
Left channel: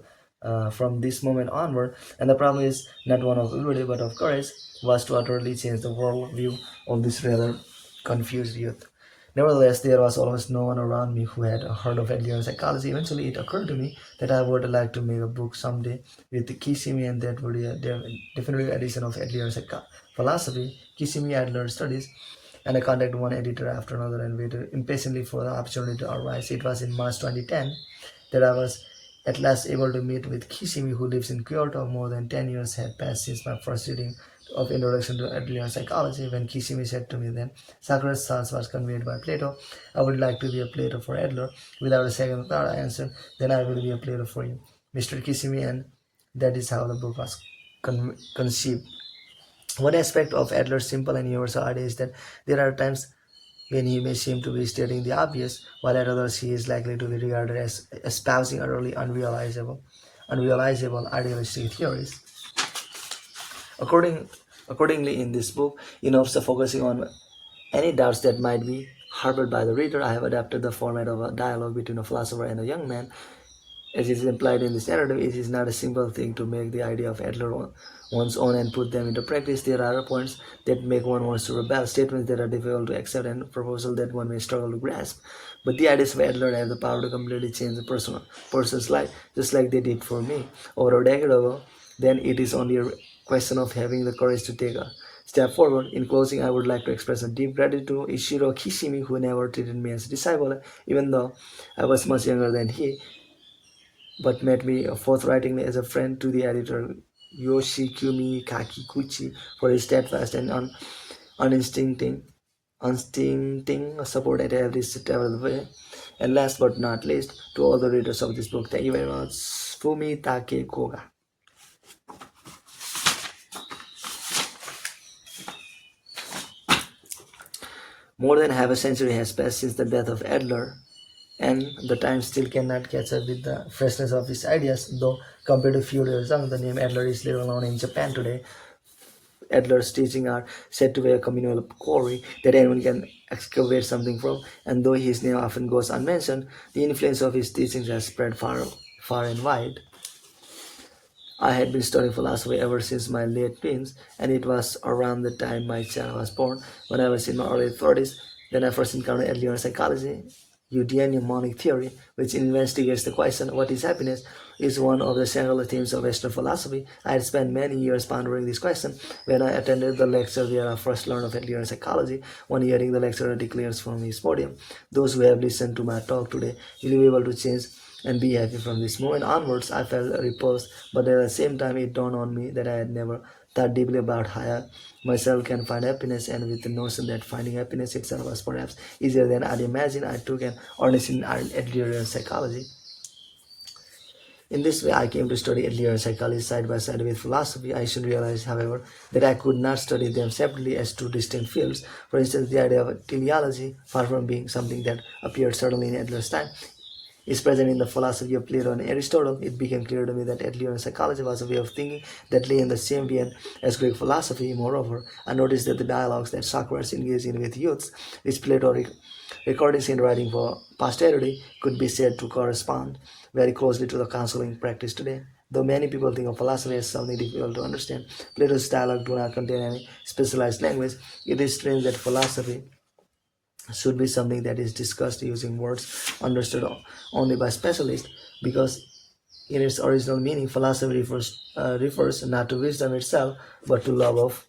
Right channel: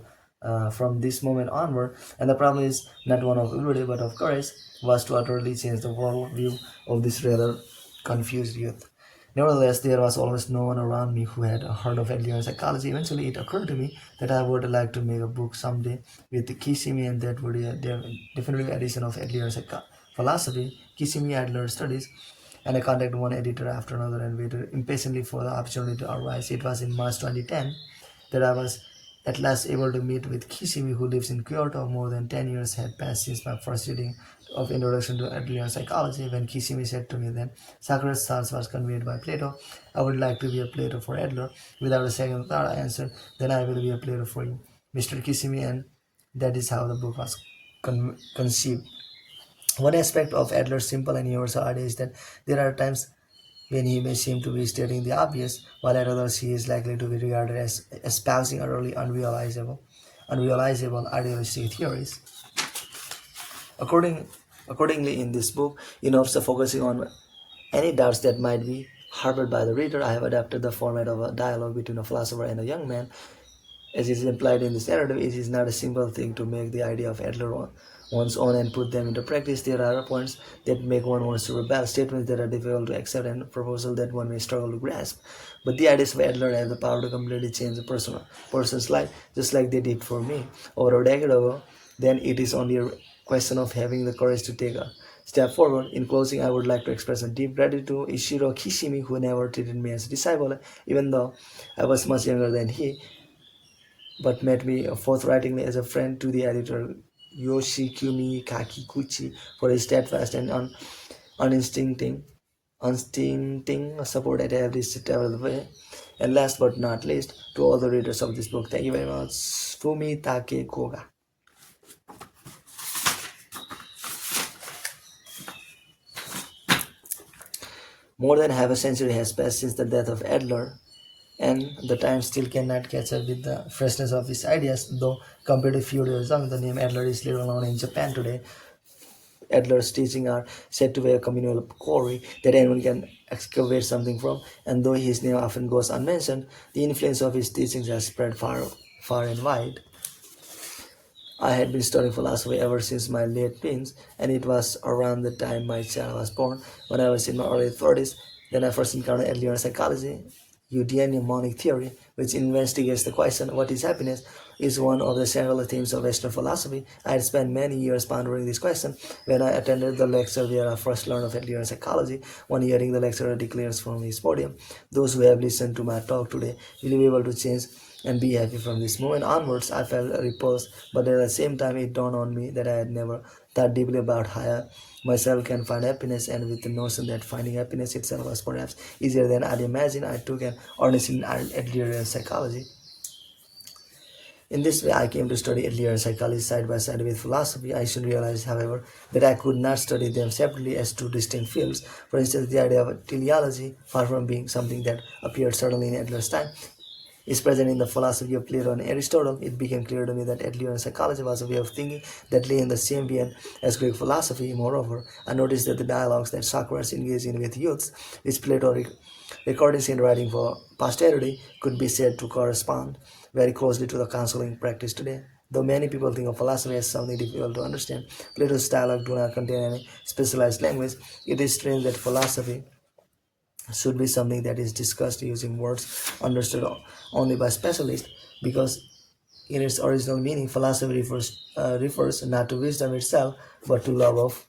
from this moment onward, and the problem is not one of ability but of courage, was to utterly change the world view of this rather confused youth. Nevertheless, there was almost no one around me who had heard of Adler psychology. Eventually, it occurred to me that I would like to make a book someday with Kishimi, and that would be a definitive edition of Adler philosophy, Kishimi Adler studies. And I contacted one editor after another and waited impatiently for the opportunity to arise. It was in March 2010 that I was at last able to meet with Kishimi, who lives in Kyoto. More than 10 years had passed since my first reading of Introduction to Adler Psychology, when Kishimi said to me then, "Socrates' thoughts was conveyed by Plato. I would like to be a Plato for Adler." Without a second thought, I answered, "Then I will be a Plato for you, Mr. Kishimi," and that is how the book was conceived. One aspect of Adler's simple and universal idea is that there are times when he may seem to be stating the obvious, while at others he is likely to be regarded as espousing utterly unrealizable idealistic theories. Accordingly, in this book, instead of focusing on any doubts that might be harbored by the reader, I have adapted the format of a dialogue between a philosopher and a young man. As is implied in this narrative, it is not a simple thing to make the idea of Adler one's own and put them into practice. There are points that make one want to rebel, statements that are difficult to accept, and proposals that one may struggle to grasp. But the ideas of Adler have the power to completely change a person's life, just like they did for me over a decade ago. Then it is only a question of having the courage to take a step forward. In closing, I would like to express a deep gratitude to Ichiro Kishimi, who never treated me as a disciple, even though I was much younger than he, but met me forthrightly as a friend, to the editor Yoshikumi Kakiguchi for his steadfast and unstinting support at every step of the way. And last but not least, to all the readers of this book, thank you very much. Fumitake Koga. More than half a century has passed since the death of Adler, and the time still cannot catch up with the freshness of his ideas. Though compared to a few years ago, the name Adler is little known in Japan today. Adler's teachings are said to be a communal quarry that anyone can excavate something from, and though his name often goes unmentioned, the influence of his teachings has spread far and wide. I had been studying philosophy ever since my late teens, and it was around the time my child was born, when I was in my early 30s, then I first encountered Adlerian psychology. Jungian mnemonic theory, which investigates the question, "what is happiness?" is one of the central themes of Western philosophy. I had spent many years pondering this question when I attended the lecture where I first learned of Adlerian psychology. One hearing, the lecturer declares from his podium, "Those who have listened to my talk today will be able to change and be happy from this moment onwards." I felt repulsed, but at the same time it dawned on me that I had never thought deeply about how I myself can find happiness, and with the notion that finding happiness itself was perhaps easier than I'd imagined, I took an earnest in Adlerian psychology. In this way, I came to study Adlerian psychology side by side with philosophy. I soon realized, however, that I could not study them separately as two distinct fields. For instance, the idea of teleology, far from being something that appeared suddenly in Adler's time, is present in the philosophy of Plato and Aristotle. It became clear to me that Adlerian psychology was a way of thinking that lay in the same vein as Greek philosophy. Moreover, I noticed that the dialogues that Socrates engaged in with youths, which Plato recordings in writing for posterity, could be said to correspond very closely to the counseling practice today. Though many people think of philosophy as something difficult to understand, Plato's dialogue do not contain any specialized language. It is strange that philosophy should be something that is discussed using words understood only by specialists, because in its original meaning, philosophy refers not to wisdom itself, but to love of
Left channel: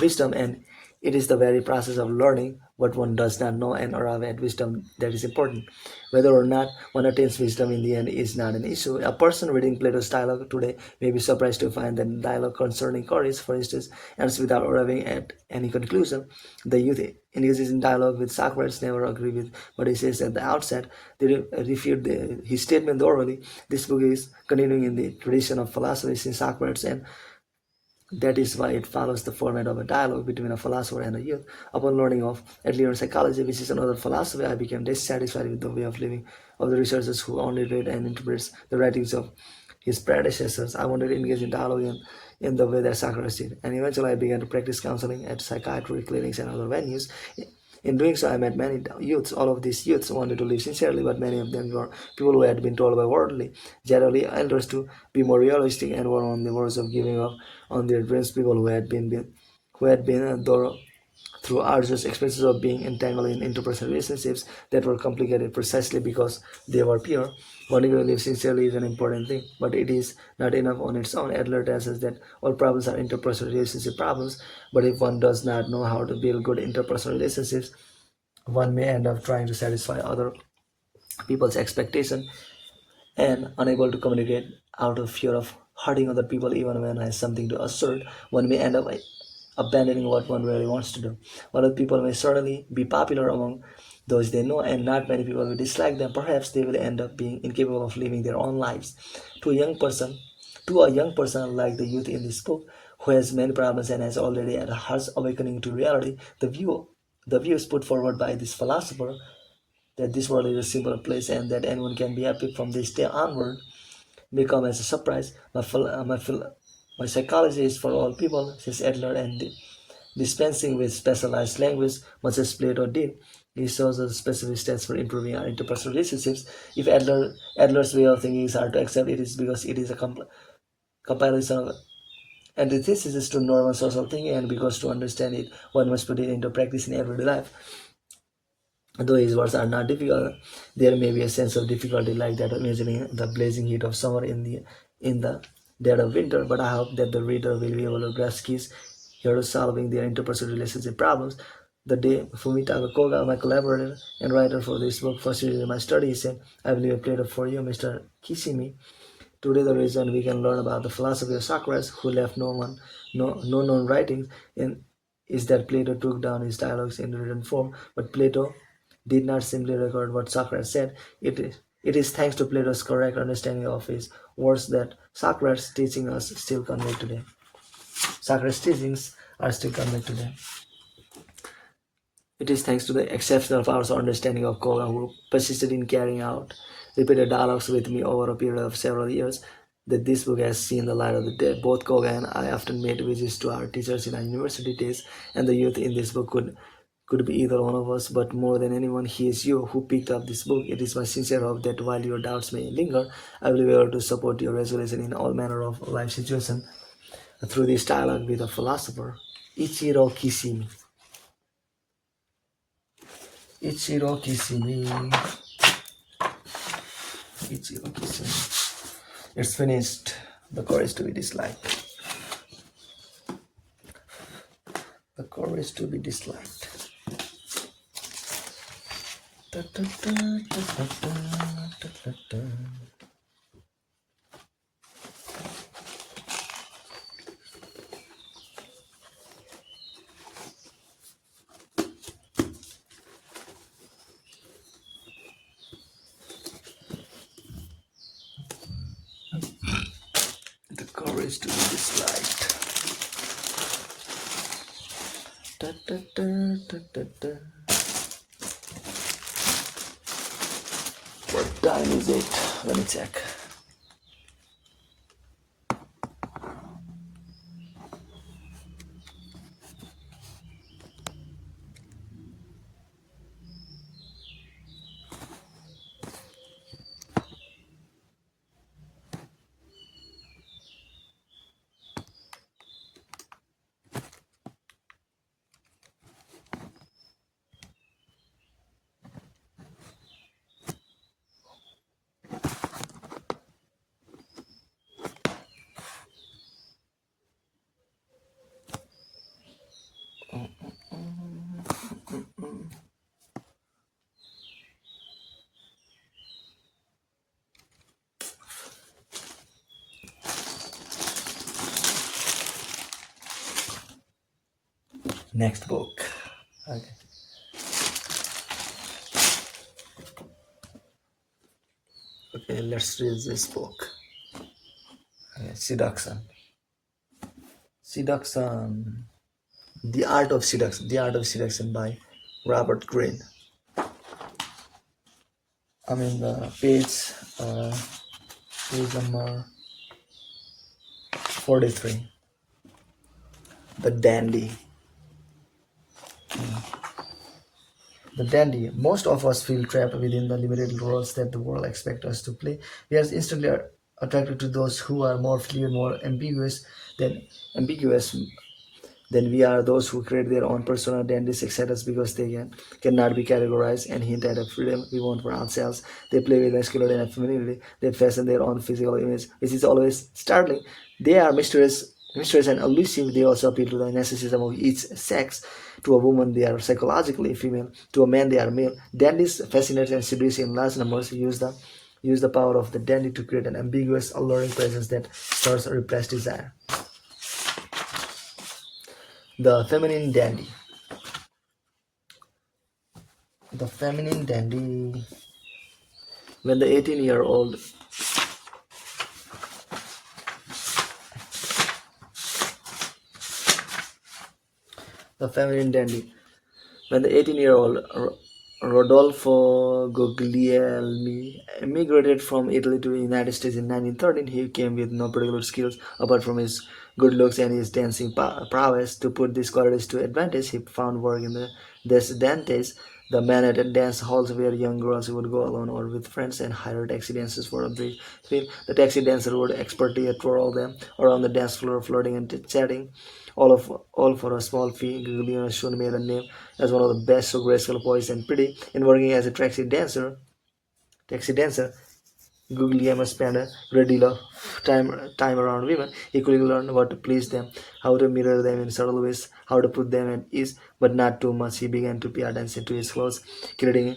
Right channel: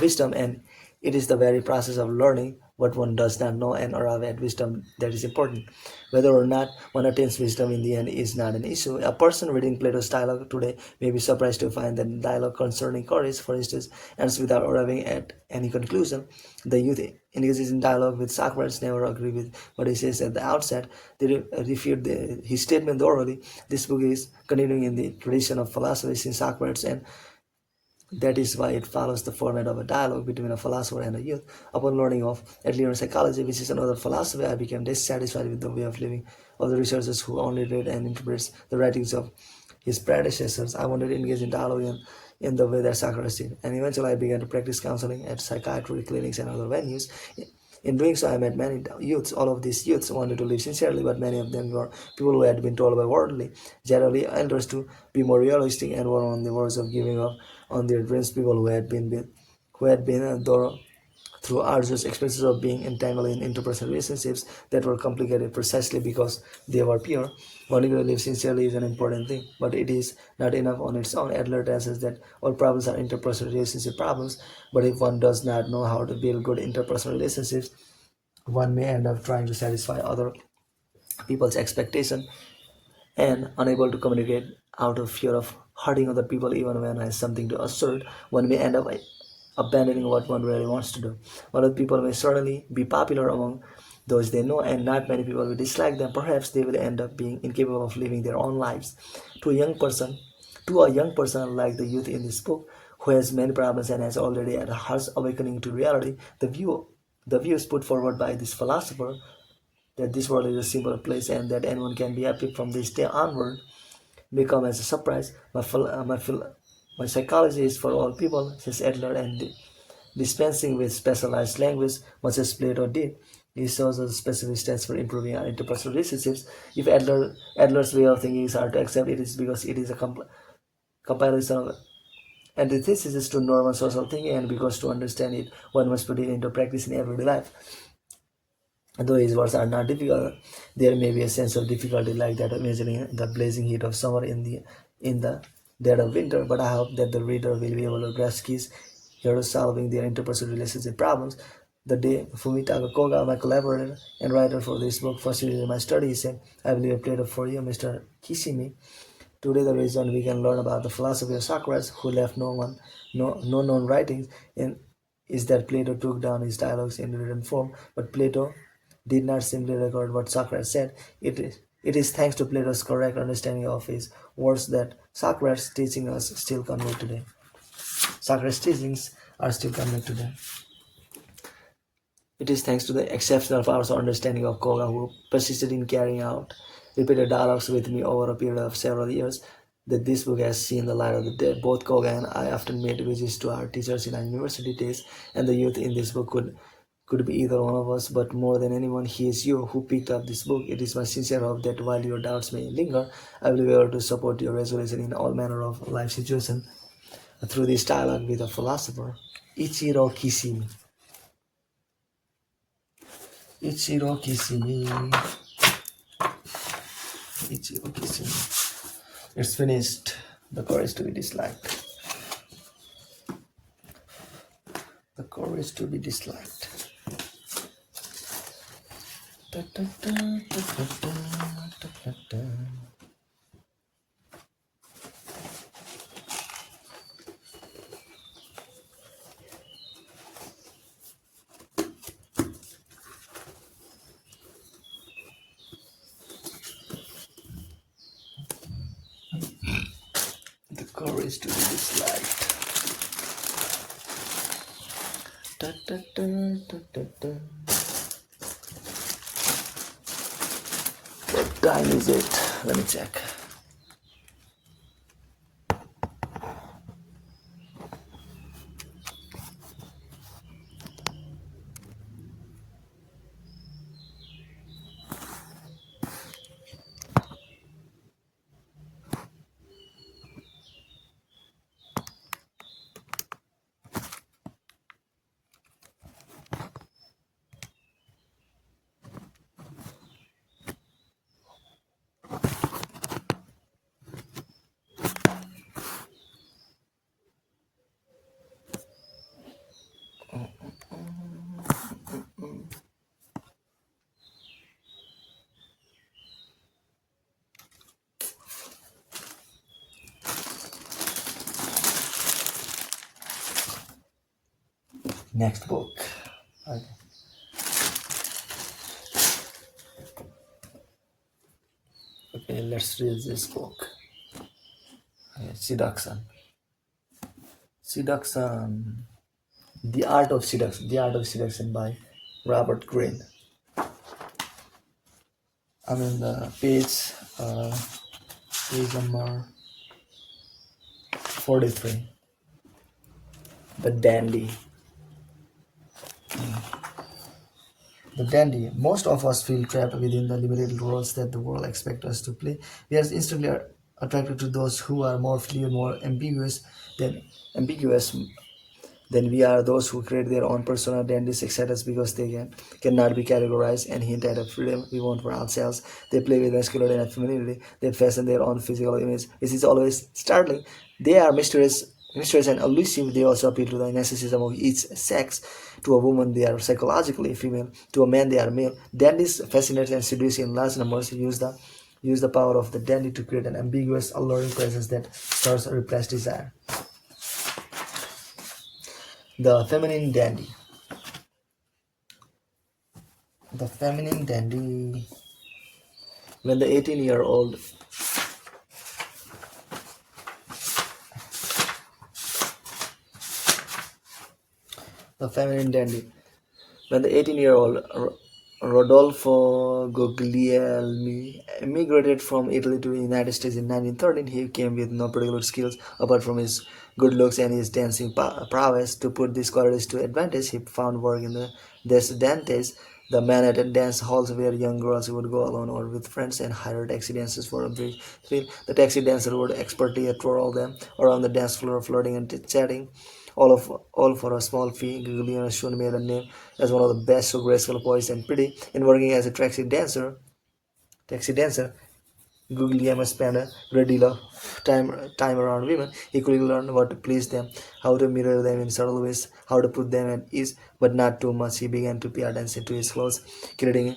wisdom, and it is the very process of learning what one does not know and arrive at wisdom that is important. Whether or not one attains wisdom in the end is not an issue. A person reading Plato's dialogue today may be surprised to find that dialogue concerning courage, for instance, ends without arriving at any conclusion. The youth engages in dialogue with Socrates never agree with what he says at the outset. They refute his statement thoroughly. This book is continuing in the tradition of philosophy since Socrates, and that is why it follows the format of a dialogue between a philosopher and a youth. Upon learning of Adler psychology, which is another philosophy, I became dissatisfied with the way of living of the researchers who only read and interprets the writings of his predecessors. I wanted to engage in dialogue in the way that Socrates did, and eventually I began to practice counseling at psychiatry clinics and other venues. In doing so, I met many youths. All of these youths wanted to live sincerely, but many of them were people who had been told by worldly, generally elders to be more realistic and were on the verge of giving up on their dreams. People who had been through arduous experiences of being entangled in interpersonal relationships that were complicated precisely because they were pure. Wanting to live sincerely is an important thing, but it is not enough on its own. Adler tells us that all problems are interpersonal relationship problems, but if one does not know how to build good interpersonal relationships, one may end up trying to satisfy other people's expectation and unable to communicate out of fear of hurting other people. Even when has something to assert, one may end up abandoning what one really wants to do. Other people may certainly be popular among those they know, and not many people will dislike them. Perhaps they will end up being incapable of living their own lives. To a young person, like the youth in this book, who has many problems and has already had a harsh awakening to reality, the views put forward by this philosopher, that this world is a simple place and that anyone can be happy from this day onward, may come as a surprise. My psychology is for all people, says Adler, and dispensing with specialized language, much as Plato did. He shows us specific steps for improving our interpersonal relationships. If Adler's way of thinking is hard to accept, it is because it is a compilation of antithesis to normal social thinking, and because to understand it, one must put it into practice in everyday life. Though his words are not difficult, there may be a sense of difficulty like that of imagining the blazing heat of summer in the dead of winter. But I hope that the reader will be able to grasp keys here to solving their interpersonal relationship problems. The day Fumita Koga, my collaborator and writer for this book, facilitated my study, he said, "I will leave a plate for you, Mr. Kishimi. Today, the reason we can learn about the philosophy of Socrates, who left no known writings, in, is that Plato took down his dialogues in written form, but Plato did not simply record what Socrates said. It is thanks to Plato's correct understanding of his words that Socrates' teachings are still conveyed today. Socrates' teachings are still conveyed today. It is thanks to the exceptional powers of understanding of Koga, who persisted in carrying out repeated dialogues with me over a period of several years, that this book has seen the light of the day. Both Koga and I often made visits to our teachers in our university days, and the youth in this book could be either one of us, but more than anyone, he is you who picked up this book. It is my sincere hope that while your doubts may linger, I will be able to support your resolution in all manner of life situations through this dialogue with a philosopher, Ichiro Kishimi. Ichiro Kishimi. Ichiro Kishimi. It's finished. The courage to be disliked. The courage to be disliked. The courage to be disliked. What time is it? Let me check. Next book. Okay. Okay, let's read this book. Okay, Seduction. Seduction. The Art of Seduction. The Art of Seduction by Robert Greene. I'm in the page number 43. The Dandy. The dandy. Most of us feel trapped within the limited roles that the world expects us to play. We are instantly attracted to those who are more fluid, more ambiguous than we are. Those who create their own persona. Dandies excite us because they cannot be categorized and hint at a freedom we want for ourselves. They play with masculinity and femininity. They fashion their own physical image, which is always startling. They are mysterious and elusive. They also appeal to the narcissism of each sex. To a woman, they are psychologically female. To a man, they are male. Dandies fascinate and seduce in large numbers. Use the power of the dandy to create an ambiguous, alluring presence that stirs a repressed desire. The feminine dandy. The feminine dandy. When the 18-year-old the feminine dandy. When the 18-year-old Rodolfo Guglielmi immigrated from Italy to the United States in 1913, he came with no particular skills apart from his good looks and his dancing prowess. To put these qualities to advantage, he found work in the Des Dantes, the Manhattan dance halls where young girls would go alone or with friends and hire taxi dancers for a brief thrill. The taxi dancer would expertly twirl them around the dance floor, flirting and chatting, all for a small fee. Guglielmo soon made a name as one of the best, so graceful, poised, and pretty. In working as a taxi dancer, Guglielmo spent a great deal of time around women. He quickly learned what to please them, how to mirror them in subtle ways, how to put them at ease, but not too much. He began to pay attention to his clothes, creating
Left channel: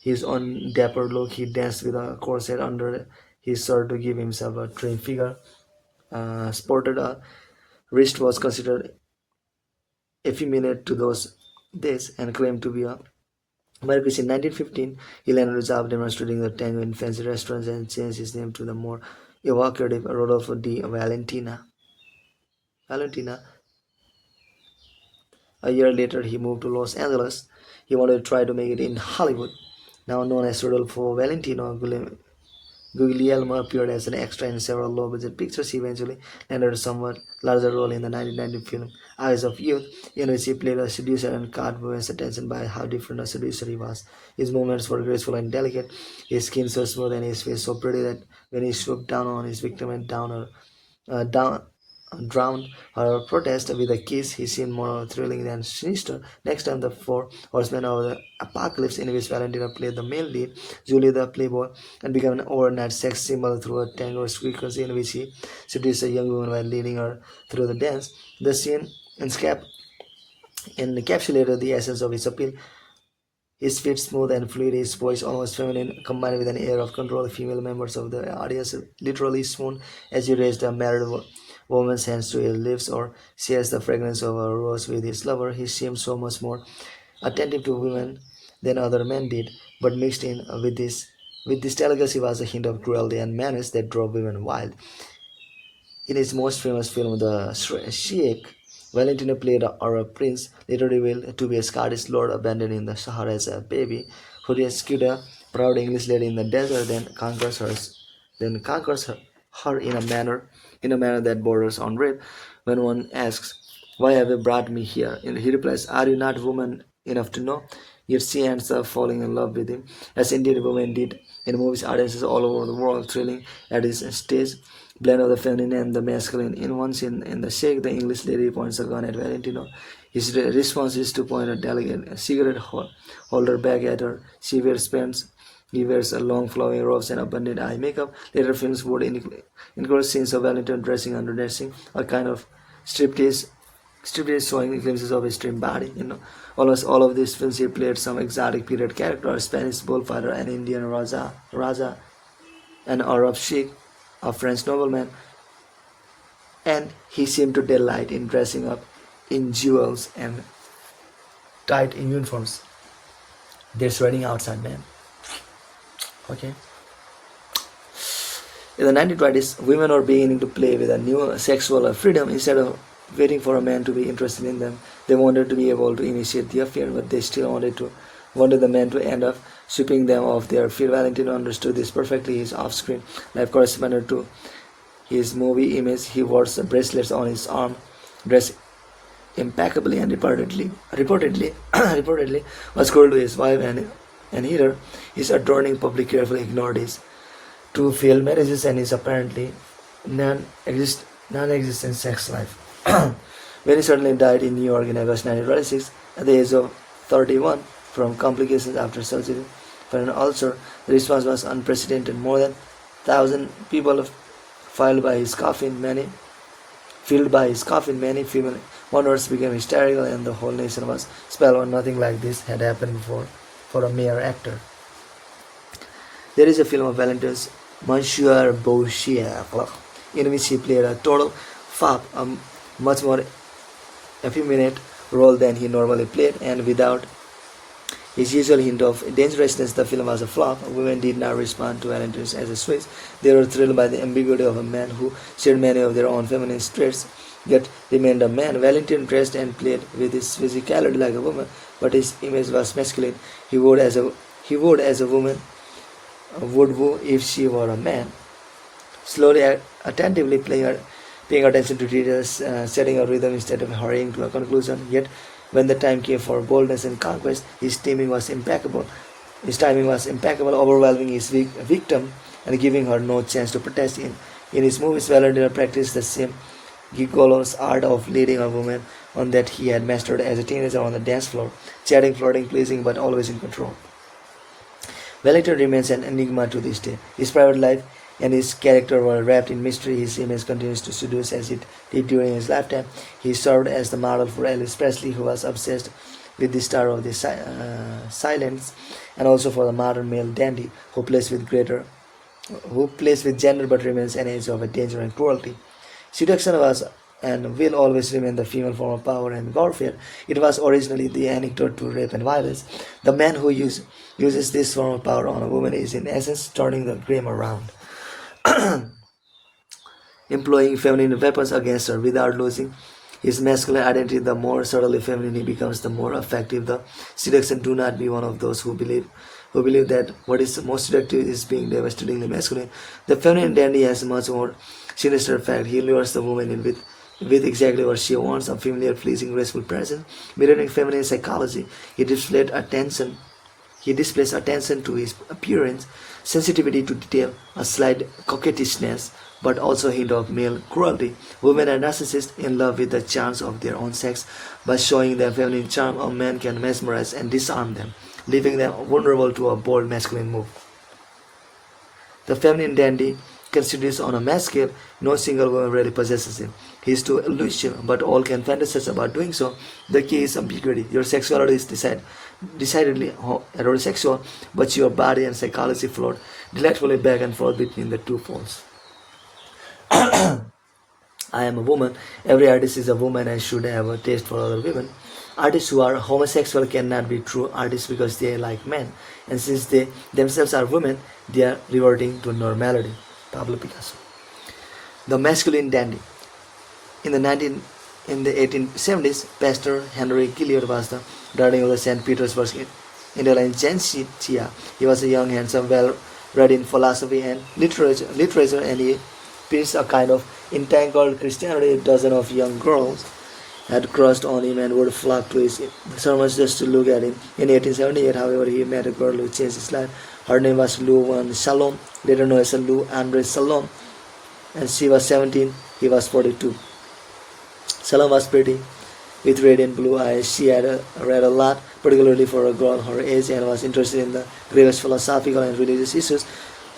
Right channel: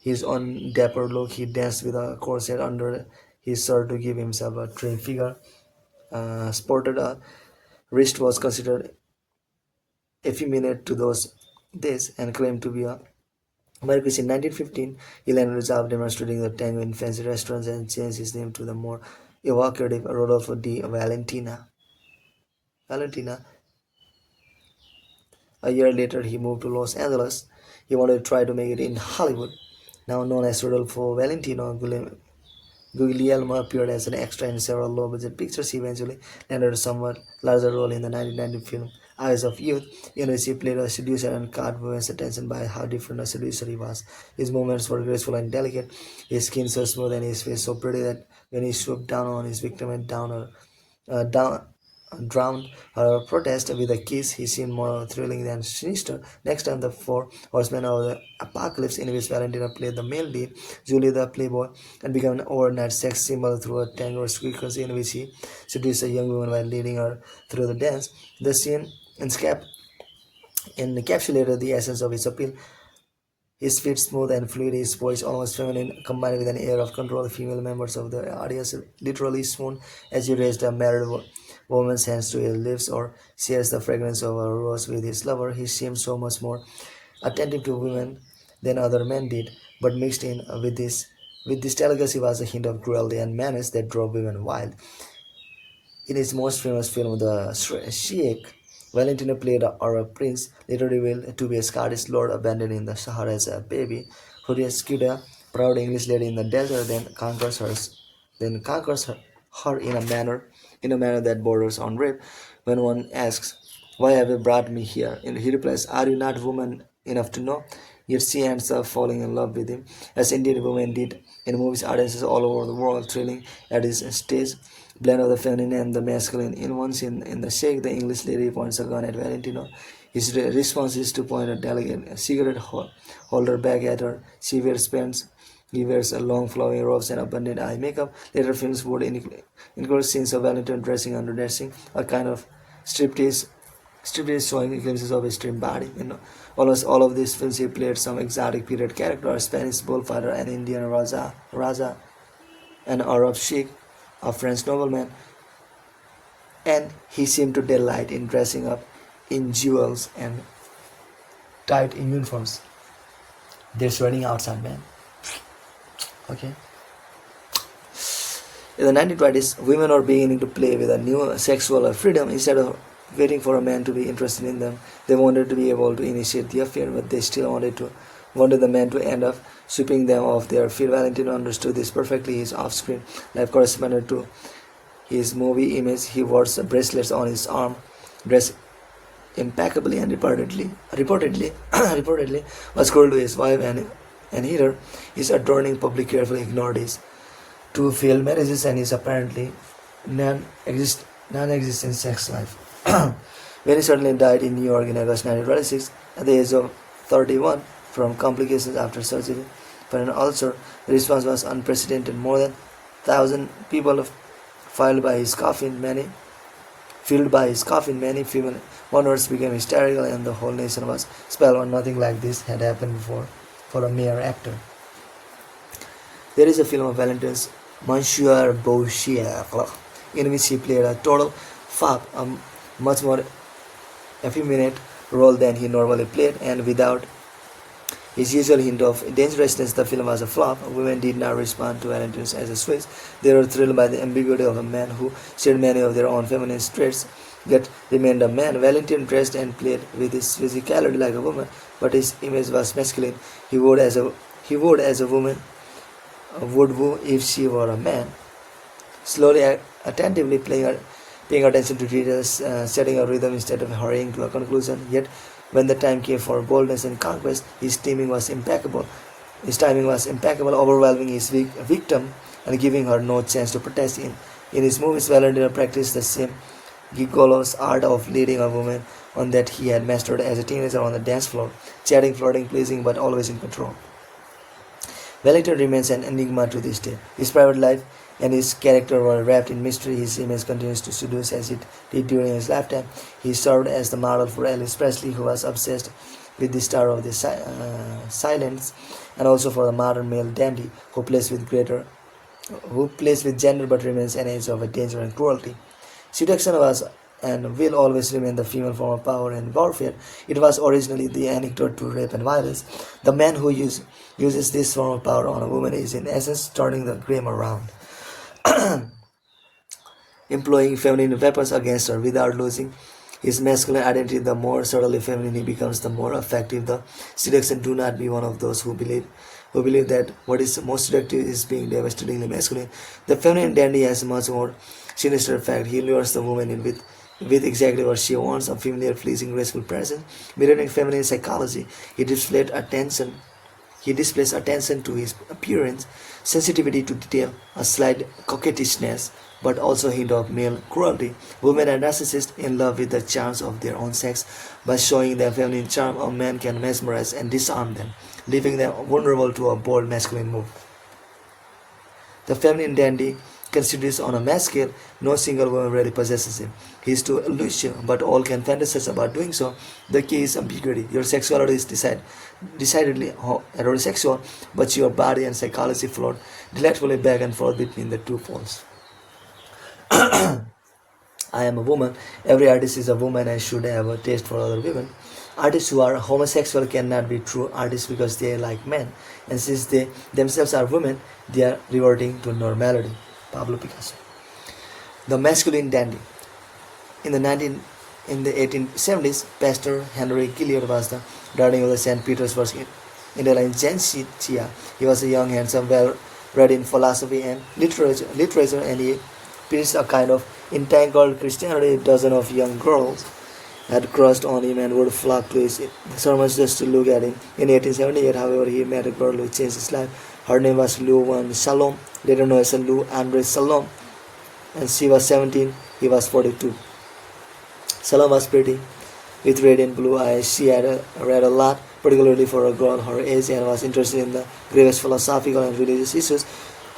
his own dapper look. He danced with a corset under his shirt to give himself a trim figure. Sported a wrist was considered effeminate to those days and claimed to be a Marquis. In 1915, he landed a job demonstrating the tango in fancy restaurants and changed his name to the more evocative Rodolfo di Valentina. A year later, he moved to Los Angeles. He wanted to try to make it in Hollywood. Now known as Rodolfo Valentino, Guglielmo appeared as an extra in several low-budget pictures. He eventually landed a somewhat larger role in the 1990 film Eyes of Youth, in which he played a seducer and caught women's attention by how different a seducer he was. His movements were graceful and delicate, his skin so smooth and his face so pretty that when he swooped down on his victim and drowned her protest with a kiss, he seemed more thrilling than sinister. Next time, The Four Horsemen of the Apocalypse, in which Valentina played the male lead, Julie the Playboy, and became an overnight sex symbol through a tango sequence in which he seduced a young woman while leading her through the dance. The scene encapsulated the essence of his appeal. His feet smooth and fluid, his voice almost feminine, combined with an air of control. Female members of the audience literally swooned as he raised a married woman's hands to his lips or shares the fragrance of a rose with his lover. He seemed so much more attentive to women than other men did, but mixed in with this delicacy was a hint of cruelty and menace that drove women wild. In his most famous film, The Sheik, Valentino played a Arab prince, later revealed to be a Scottish lord abandoned in the Sahara as a baby, who rescued a proud English lady in the desert, then conquers her in a manner that borders on rape. When one asks, "Why have you brought me here?" and he replies, "Are you not woman enough to know?" Yet she ends up falling in love with him, as indeed women did in movies. Audiences all over the world thrilling at his stage blend of the feminine and the masculine. In one scene in the shake, the English lady points a gun at Valentino. His response is to point a delicate cigarette holder back at her. He wears a long flowing robes and abundant eye makeup. Later films would include scenes of Valentino dressing underdressing, a kind of striptease showing glimpses of his trim body. Almost all of these films he played some exotic period character, a Spanish bullfighter, an Indian Raja, an Arab sheikh, a French nobleman, and he seemed to delight in dressing up in jewels and tight in uniforms. There's running outside, man. Okay. In the 1920s, women are beginning to play with a new sexual freedom. Instead of waiting for a man to be interested in them, they wanted to be able to initiate the affair, but they still wanted the man to end up sweeping them off their feet. Valentine understood this perfectly. His off-screen life corresponded to his movie image. He wore bracelets on his arm, dressed impeccably, and reportedly was cruel to his wife and Heather. His adorning public carefully ignored his two failed marriages and his apparently non-existent sex life. When he suddenly died in New York in August 1926 at the age of 31 from complications after surgery for an ulcer, the response was unprecedented. More than 1,000 people filed by his coffin. Many female mourners became hysterical, and the whole nation was spellbound. Nothing like this had happened before for a mere actor. There is a film of Valentine's, Monsieur Beauchamp, in which he played a total fop, a much more effeminate role than he normally played, and without his usual hint of dangerousness, the film was a flop. Women did not respond to Valentine's as a Swiss. They were thrilled by the ambiguity of a man who shared many of their own feminine traits, yet remained a man. Valentine dressed and played with his physicality like a woman, but his image was masculine. He would, as a woman would woo if she were a man. Slowly, attentively paying attention to details, setting a rhythm instead of hurrying to a conclusion. Yet, when the time came for boldness and conquest, his timing was impeccable. Overwhelming his victim and giving her no chance to protest. In his movies, Valentine practiced the same gigolo's art of leading a woman on that he had mastered as a teenager on the dance floor, chatting, flirting, pleasing, but always in control. Valentine remains an enigma to this day. His private life and his character were wrapped in mystery. His image continues to seduce as it did during his lifetime. He served as the model for Elvis Presley, who was obsessed with the star of the silence, and also for the modern male dandy who plays with gender but remains an age of danger and cruelty. Seduction was and will always remain the female form of power and warfare. It was originally the antidote to rape and violence. The man who uses this form of power on a woman is in essence turning the game around, employing feminine weapons against her without losing his masculine identity. The more subtly feminine he becomes, the more effective the seduction. Do not be one of those who believe that what is most seductive is being devastatingly masculine. The feminine dandy has much more sinister effect. He lures the woman in with exactly what she wants, a familiar, pleasing, graceful presence. Mirroring feminine psychology, he displays attention to his appearance, sensitivity to detail, a slight coquettishness, but also a hint of male cruelty. Women are narcissists in love with the charms of their own sex. By showing their feminine charm, a man can mesmerize and disarm them, leaving them vulnerable to a bold masculine move. The feminine dandy considers on a mass scale. No single woman really possesses him. He is too elusive, but all can fantasize about doing so. The key is ambiguity. Your sexuality is decidedly heterosexual, but your body and psychology float delightfully back and forth between the two poles. I am a woman. Every artist is a woman and should have a taste for other women. Artists who are homosexual cannot be true artists because they are like men, and since they themselves are women, they are reverting to normality. Pablo Picasso. The masculine dandy. In the 1870s, Pastor Henry Gilliard was the darling of the St. Petersburg intelligentsia. He was a young, handsome, well-read in philosophy and literature, and he preached a kind of entangled Christianity. A dozen of young girls had crushed on him and would flock to his sermons just to look at him. In 1878, however, he met a girl who changed his life. Her name was Lou Salom, later known as Lou Andre Salom, and she was 17, he was 42. Salom was pretty, with radiant blue eyes. She had read a lot, particularly for a girl her age, and was interested in the gravest philosophical and religious issues.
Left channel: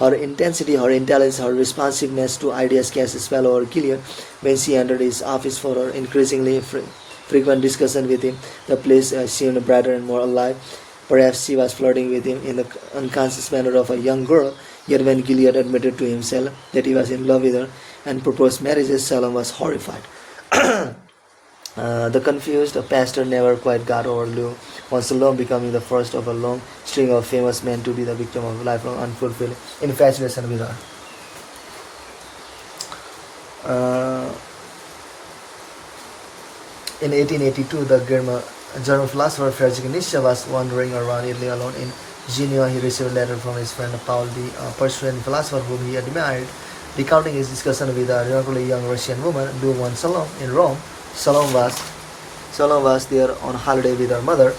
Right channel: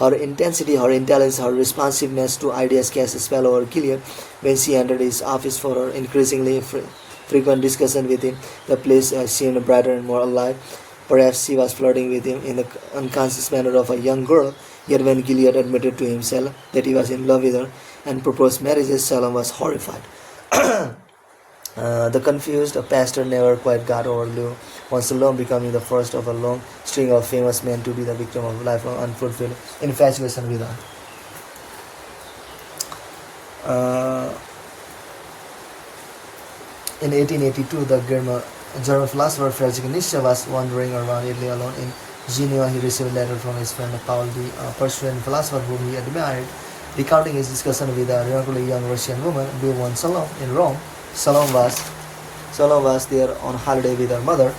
Her intensity, her intelligence, her responsiveness to ideas cast a spell over Gilliard. When she entered his office for her increasingly frequent discussion with him, the place seemed brighter and more alive. Perhaps she was flirting with him in the unconscious manner of a young girl, yet when Gilliard admitted to himself that he was in love with her and proposed marriage, Salom was horrified. The confused pastor never quite got over Lou, once alone becoming the first of a long string of famous men to be the victim of lifelong unfulfilled infatuation with her. Uh, in 1882, the German philosopher Friedrich Nietzsche was wandering around Italy alone in Genoa. He received a letter from his friend Paul, the Prussian philosopher whom he admired, recounting his discussion with a remarkably young Russian woman, Lou von Salome, in Rome. Salome was there on holiday with her mother.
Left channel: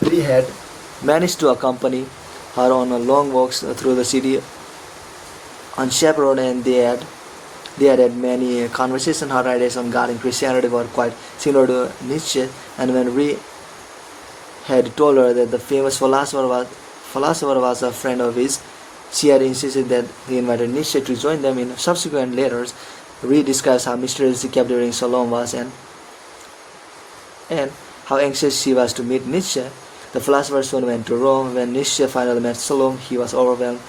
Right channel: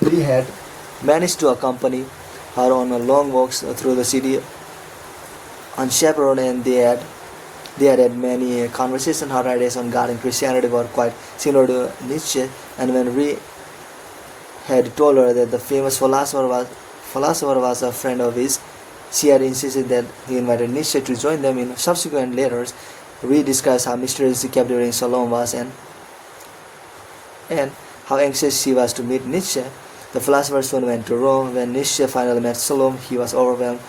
Lee had managed to accompany her on a long walks through the city unchaperoned, and they had many conversations. Her ideas on God and Christianity were quite similar to Nietzsche, and when Lee had told her that the famous philosopher was a friend of his, she had insisted that he invited Nietzsche to join them. In subsequent letters, Lee describes how mysteriously captivating Salome was and how anxious she was to meet Nietzsche. The philosopher soon went to Rome. When Nietzsche finally met Salome, he was overwhelmed.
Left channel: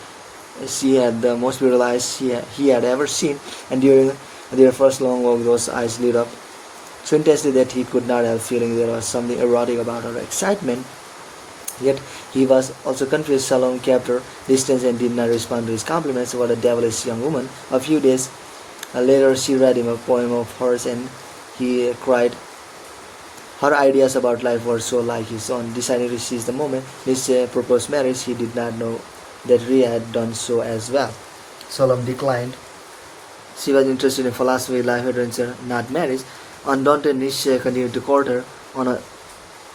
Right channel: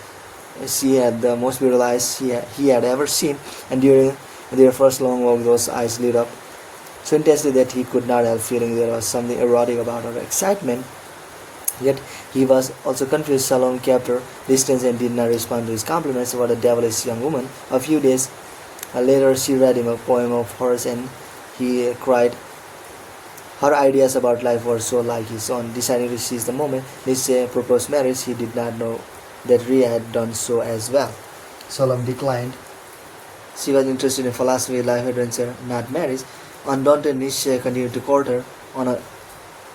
She had the most beautiful eyes he had ever seen, and during their first long walk, those eyes lit up so intensely that he could not help feeling there was something erotic about her excitement. Yet he was also confused. Salome kept her distance and did not respond to his compliments. What a devilish young woman. A few days later, she read him a poem of hers, and he cried. Her ideas about life were so like his own. Deciding to seize the moment, Nietzsche proposed marriage. He did not know that Rie had done so as well. Salome declined. She was interested in philosophy, life adventure, not marriage. Undaunted, Nietzsche continued to court her on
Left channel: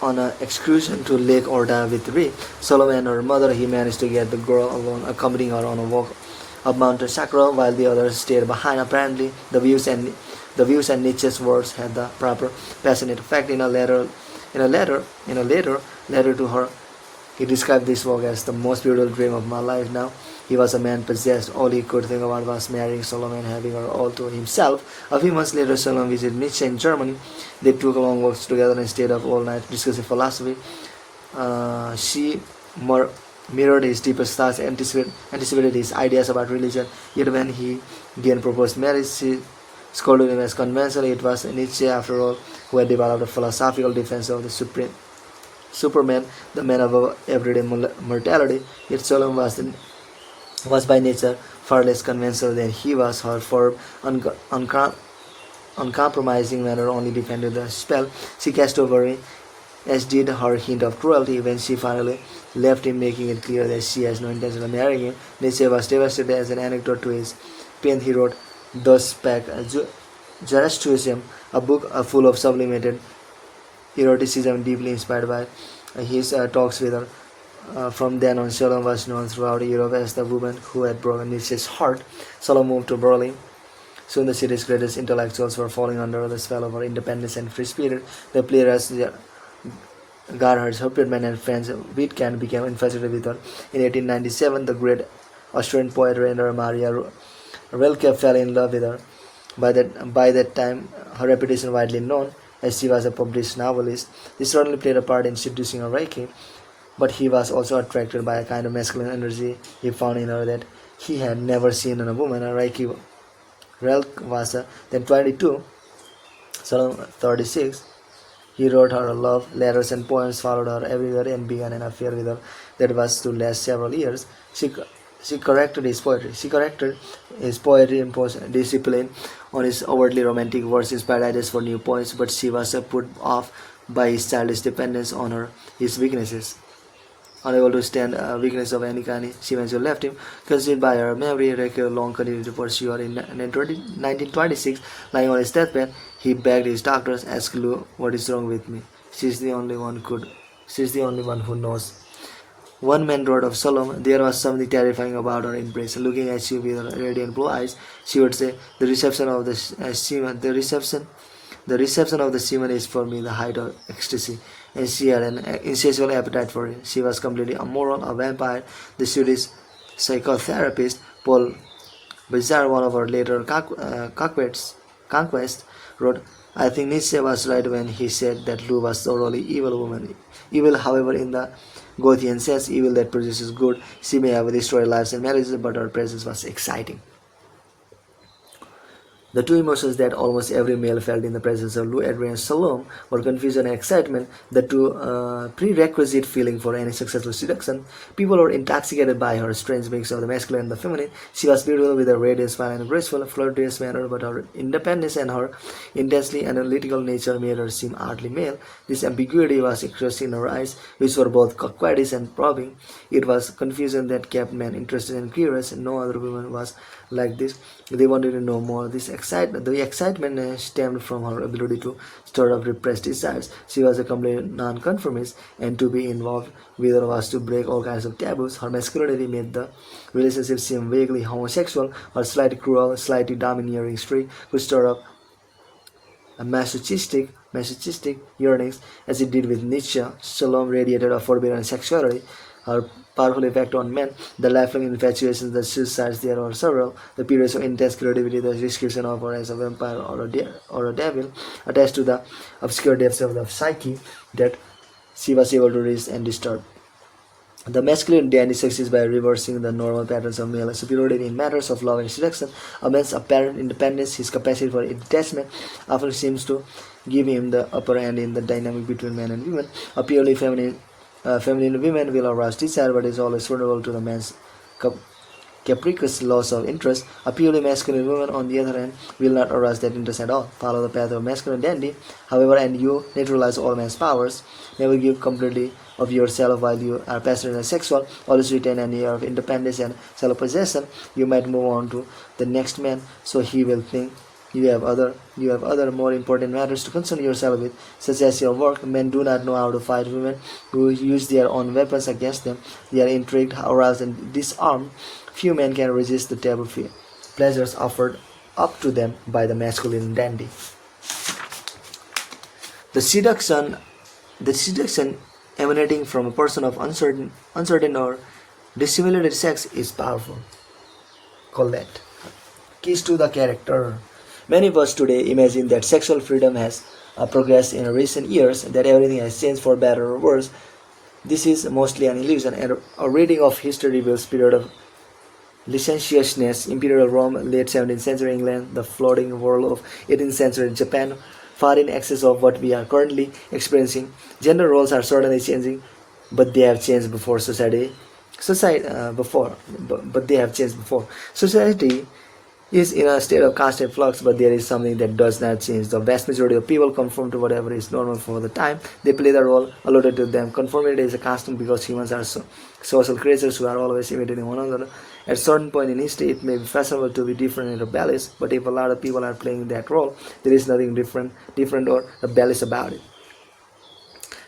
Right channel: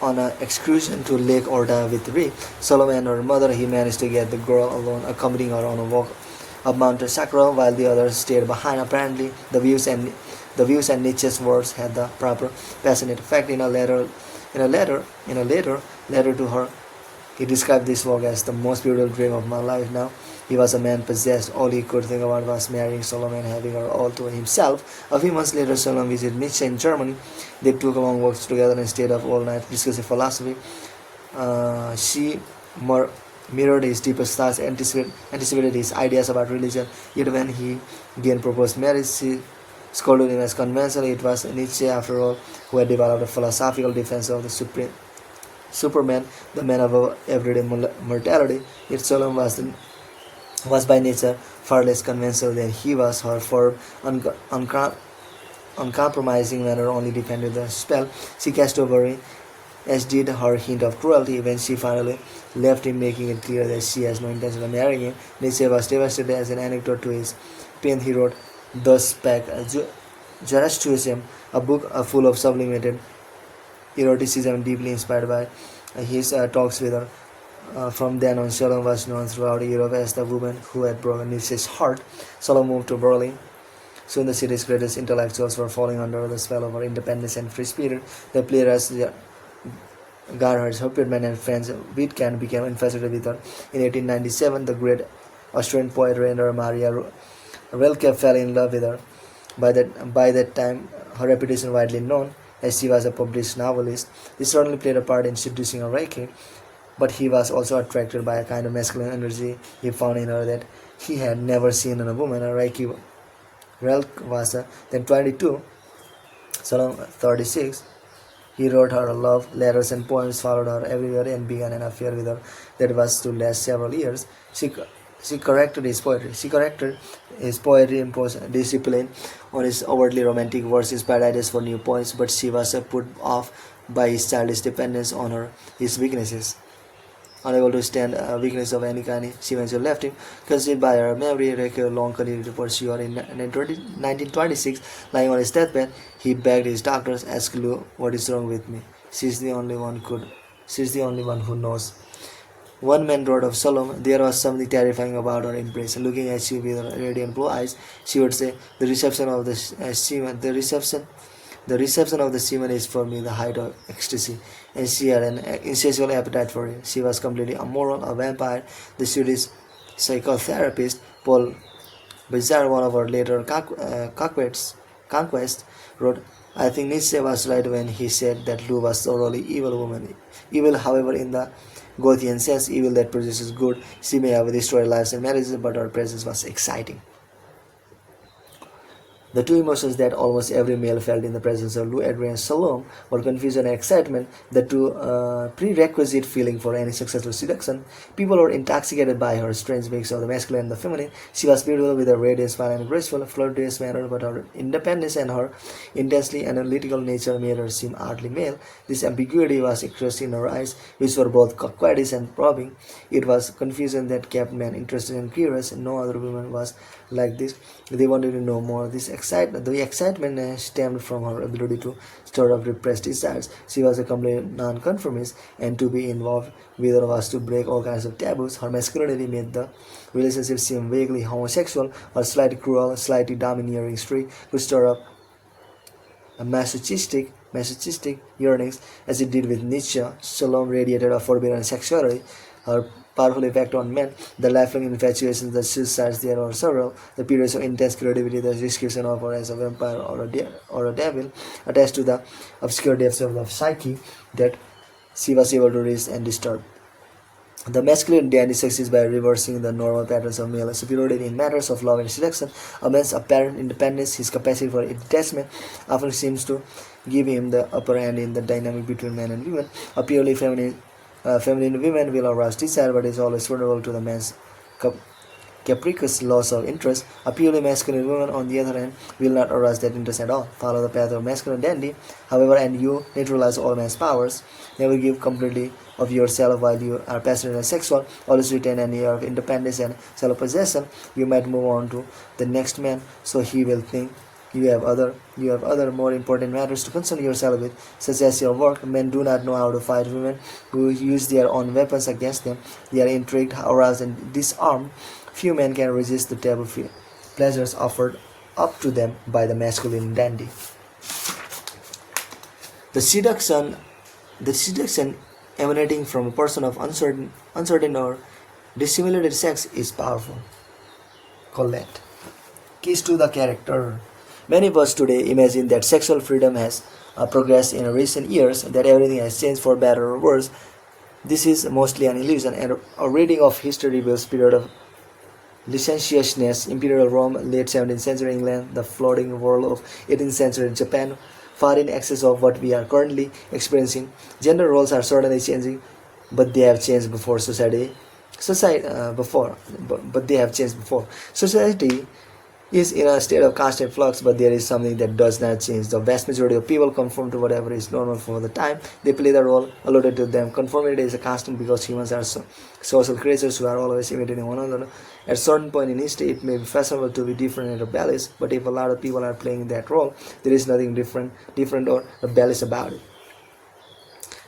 an excursion to Lake Orda with Rie. Salome and her mother, he managed to get the girl alone, accompanying her on a walk up Mount Sacro, while the others stayed behind. Apparently, the views and Nietzsche's words had the proper passionate effect. In a later letter to her, he described this walk as the most beautiful dream of my life. Now he was a man possessed. All he could think about was marrying Salome and having her all to himself. A few months later, Salome visited Nietzsche in Germany. They took long walks together and stayed up all night discussing philosophy. She mirrored his deepest thoughts, anticipated his ideas about religion. Yet when he again proposed marriage, she scolded him as conventional. It was Nietzsche, after all, who had developed a philosophical defense of the Superman, the man of everyday mortality. Yet Salome was by nature far less conventional than he was. Her firm, uncompromising manner only defended the spell she cast over him, as did her hint of cruelty when she finally left him, making it clear that she has no intention of marrying him. Nietzsche was devastated. As an anecdote to his pain, he wrote thus back Zoroastrianism, a book full of sublimated eroticism, deeply inspired by his talks with her. From then on, Salome was known throughout Europe as the woman who had broken Nietzsche's heart. Salome moved to Berlin. Soon the city's greatest intellectuals were falling under the spell of her independence and free spirit. The playwrights Gerhard Hauptmann and Franz Wittgenstein became infatuated with her. In 1897, the great Austrian poet Rainer Maria Rilke fell in love with her. By that time, her reputation widely known, as she was a published novelist. This certainly played a part in seducing Reiki, but he was also attracted by a kind of masculine energy he found in her that he had never seen in a woman. Reiki was then 22, so 36. He wrote her love letters and poems, followed her everywhere, and began an affair with her that was to last several years. She corrected his poetry. Imposed discipline on his overtly romantic verses, parodies for new poets, but she was put off by his childish dependence on his weaknesses. Unable to stand weakness of any kind, she eventually left him. Conceived by her memory, Reiki long continued to pursue her. In 1926, lying on his deathbed, he begged his doctors, "Ask Lou what is wrong with me. She's the only one who knows." One man wrote of Salome, "There was something terrifying about her embrace. Looking at you with her radiant blue eyes, she would say, the reception of the semen is for me the height of ecstasy," and she had an insatiable appetite for it. She was completely immoral, a vampire. The Swedish psychotherapist Paul Bizarre, one of her later conquests, wrote, "I think Nietzsche was right when he said that Lou was thoroughly evil woman. Evil, however, in the Goethean sense, evil that produces good. She may have destroyed lives and marriages, but her presence was exciting." The two emotions that almost every male felt in the presence of Lou Adrian Salome were confusion and excitement, the two prerequisite feeling for any successful seduction. People were intoxicated by her strange mix of the masculine and the feminine. She was beautiful with her radiant smile and graceful, flirtatious manner, but her independence and her intensely analytical nature made her seem oddly male. This ambiguity was expressed in her eyes, which were both coquettish and probing. It was confusion that kept men interested and curious. No other woman was like this. They wanted to know more. The excitement stemmed from her ability to stir up repressed desires. She was a complete non-conformist, and to be involved with her was to break all kinds of taboos. Her masculinity made the relationship seem vaguely homosexual. Her slightly cruel, slightly domineering streak could stir up a masochistic yearnings, as it did with Nietzsche. Salome radiated a forbidden sexuality. Her powerful effect on men, the lifelong infatuations, the suicides there are several, the periods of intense creativity, the description of her as a vampire or a devil, attached to the obscure depths of the psyche that she was able to reach and disturb. The masculine dandy succeeds by reversing the normal patterns of male superiority in matters of love and seduction. A man's apparent independence, his capacity for detachment, often seems to give him the upper hand in the dynamic between men and women. A purely feminine woman will arouse desire, but is always vulnerable to the man's capricious loss of interest. A purely masculine woman, on the other hand, will not arouse that interest at all. Follow the path of masculine dandy, however, and you neutralize all man's powers. Never give completely of yourself while you are passionate and sexual. Always retain an air of independence and self-possession. You might move on to the next man, so he will think you have other more important matters to concern yourself with, such as your work. Men do not know how to fight women who use their own weapons against them. They are intrigued, aroused, and disarmed. Few men can resist the table pleasures offered up to them by the masculine dandy. The seduction emanating from a person of uncertain or dissimulated sex is powerful. Colette. Keys to the character. Many of us today imagine that sexual freedom has progressed in recent years, that everything has changed for better or worse. This is mostly an illusion, and a reading of history reveals period of licentiousness, imperial Rome, late 17th century England, the floating world of 18th century Japan, far in excess of what we are currently experiencing. Gender roles are certainly changing, but they have changed before but they have changed before. Society is in a state of constant flux, but there is something that does not change. The vast majority of people conform to whatever is normal for the time they play the role allotted to them. Conformity is a constant because humans are social creatures who are always imitating one another. At a certain point in history, it may be fashionable to be different and rebellious, but if a lot of people are playing that role, there is nothing different or rebellious about it.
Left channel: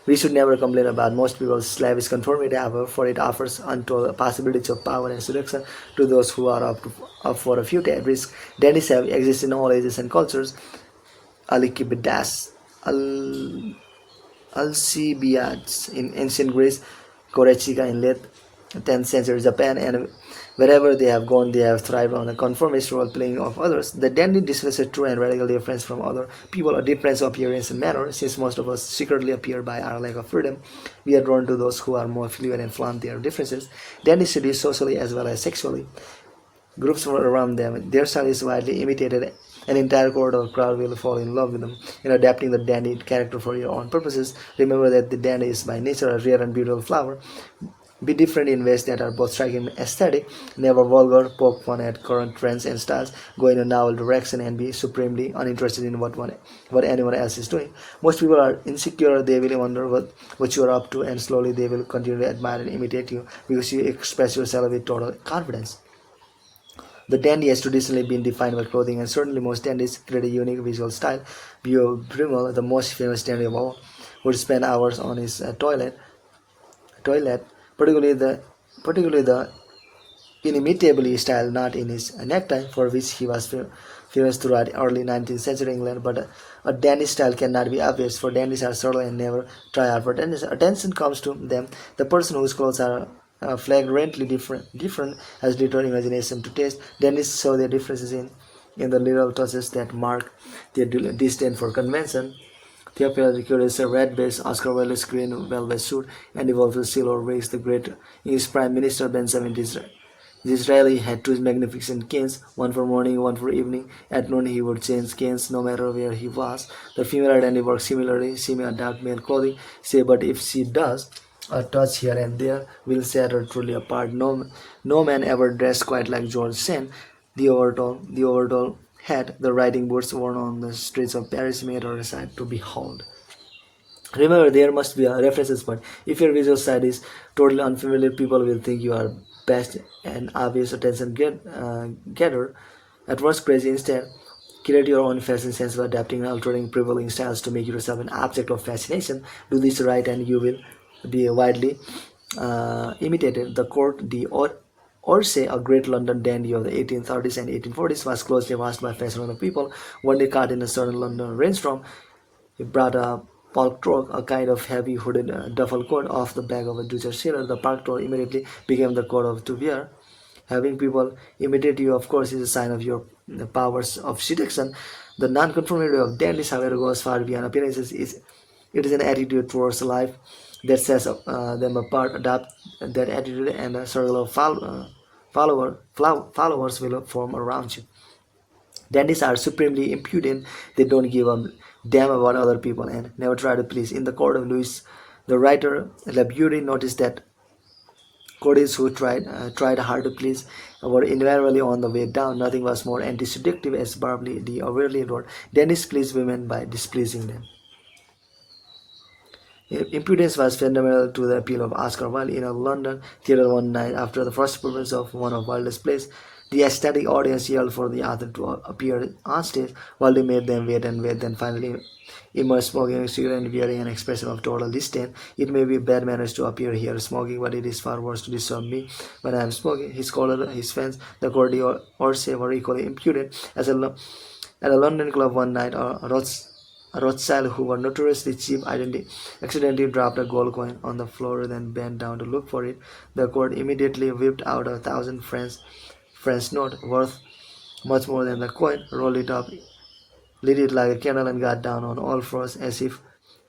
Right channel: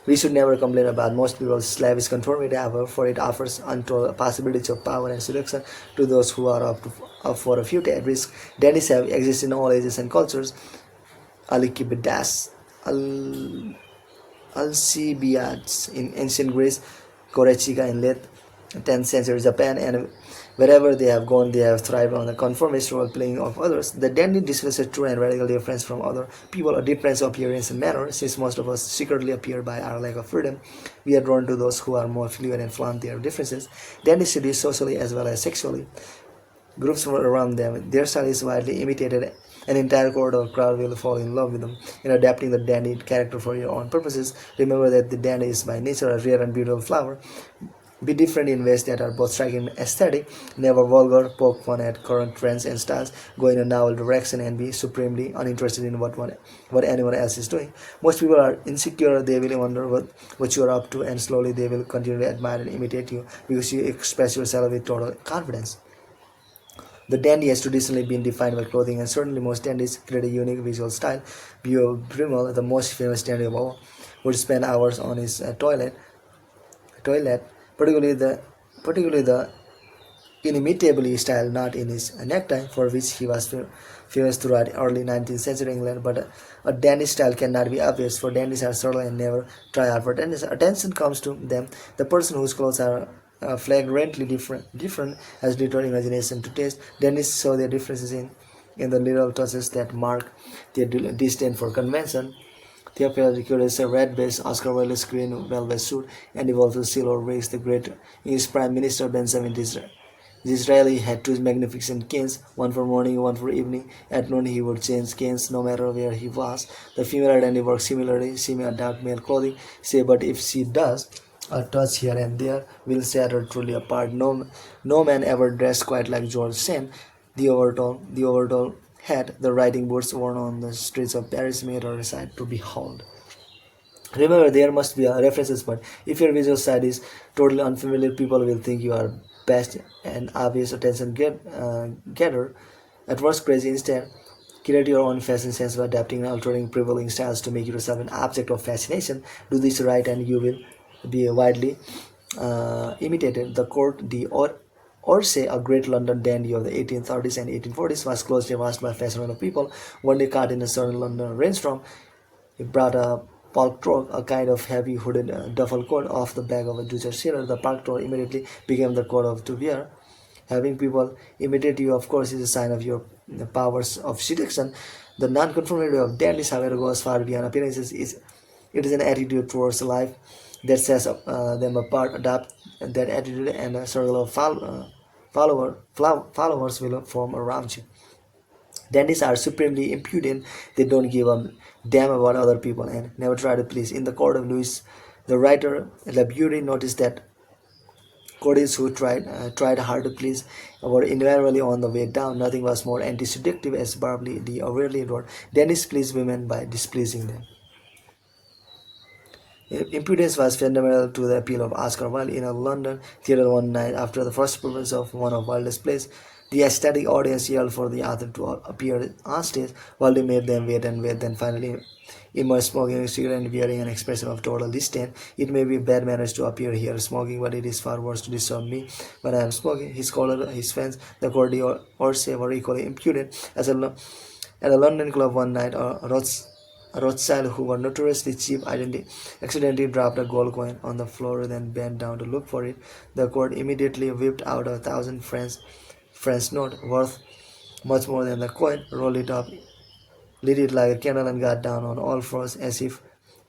We should never complain about most people's slavish conformity, however, for it offers untold possibilities of power and seduction to those who are up for a few risks. Dandies have existed in all ages and cultures. Alcibiades in ancient Greece, Korechika in late 10th century Japan, and wherever they have gone, they have thrived on the conformist role-playing of others. The dandy displays a true and radical difference from other people, a difference of appearance and manner. Since most of us secretly appear by our lack of freedom, we are drawn to those who are more fluid and flaunt their differences. Dandies seduce socially as well as sexually. Groups around them, their style is widely imitated. An entire cohort or crowd will fall in love with them. In adapting the dandy character for your own purposes, remember that the dandy is by nature a rare and beautiful flower. Be different in ways that are both striking and aesthetic. Never vulgar, poke fun at current trends and styles. Go in a novel direction and be supremely uninterested in what anyone else is doing. Most people are insecure. They will wonder what you are up to, and slowly they will continue to admire and imitate you because you express yourself with total confidence. The dandy has traditionally been defined by clothing, and certainly most dandies create a unique visual style. Beau Brummel, the most famous dandy of all, would spend hours on his toilet, particularly the inimitably styled knot in his necktie, for which he was famous throughout early 19th century England. But a dandy style cannot be obvious, for dandies are subtle and never try hard for attention comes to them. The person whose clothes are flagrantly different has little imagination to taste. Dandies show their differences in the little touches that mark their disdain for convention. Theophilus Licorius, a red-based Oscar Wilde's green velvet suit, and evolved silver wigs. The great English Prime Minister Benjamin Disraeli had two magnificent canes, one for morning, one for evening. At noon he would change canes no matter where he was. The female identity works similarly. She may adapt male clothing, say, but if she does, a touch here and there will set her truly apart. No man ever dressed quite like George Sand. The overall hat, the riding boots worn on the streets of Paris made her a sight to behold. Remember, there must be a references point. If your visual side is totally unfamiliar, people will think you are best and obvious attention getter. At worst, crazy instead. Create your own fashion sense by adapting and altering prevailing styles to make yourself an object of fascination. Do this right, and you will be widely imitated. The court Orsay, a great London dandy of the 1830s and 1840s, was closely watched by fashionable people. One day, caught in a sudden London rainstorm, he brought a paltrow, a kind of heavy hooded duffel coat, off the back of a Dutch sailor. The paltrow immediately became the coat of to wear. Having people imitate you, of course, is a sign of your powers of seduction. The non-conformity of dandies, however, goes far beyond appearances. It is an attitude towards life that sets them apart. Adopt that attitude, and a circle of followers will form around you. Dandies are supremely impudent. They don't give a damn about other people and never try to please. In the court of Louis, the writer Labury noticed that courtiers who tried hard to please were invariably on the way down. Nothing was more anti-seductive, as Barbary the overly wrote. Dandies please women by displeasing them. Impudence was fundamental to the appeal of Oscar Wilde. In a London theatre one night after the first performance of one of Wilde's plays, the ecstatic audience yelled for the author to appear on stage. Wilde made them wait and wait, then finally emerged smoking a cigarette and wearing an expression of total disdain. It may be bad manners to appear here smoking, but it is far worse to disturb me when I am smoking. His scholar, his friends, the courtier Orsay, were equally impudent. At a London club one night, a Rothschild, who were notoriously cheap, accidentally dropped a gold coin on the floor, then bent down to look for it. The court immediately whipped out 1,000 French note worth much more than the coin, rolled it up, lit it like a candle, and got down on all fours as if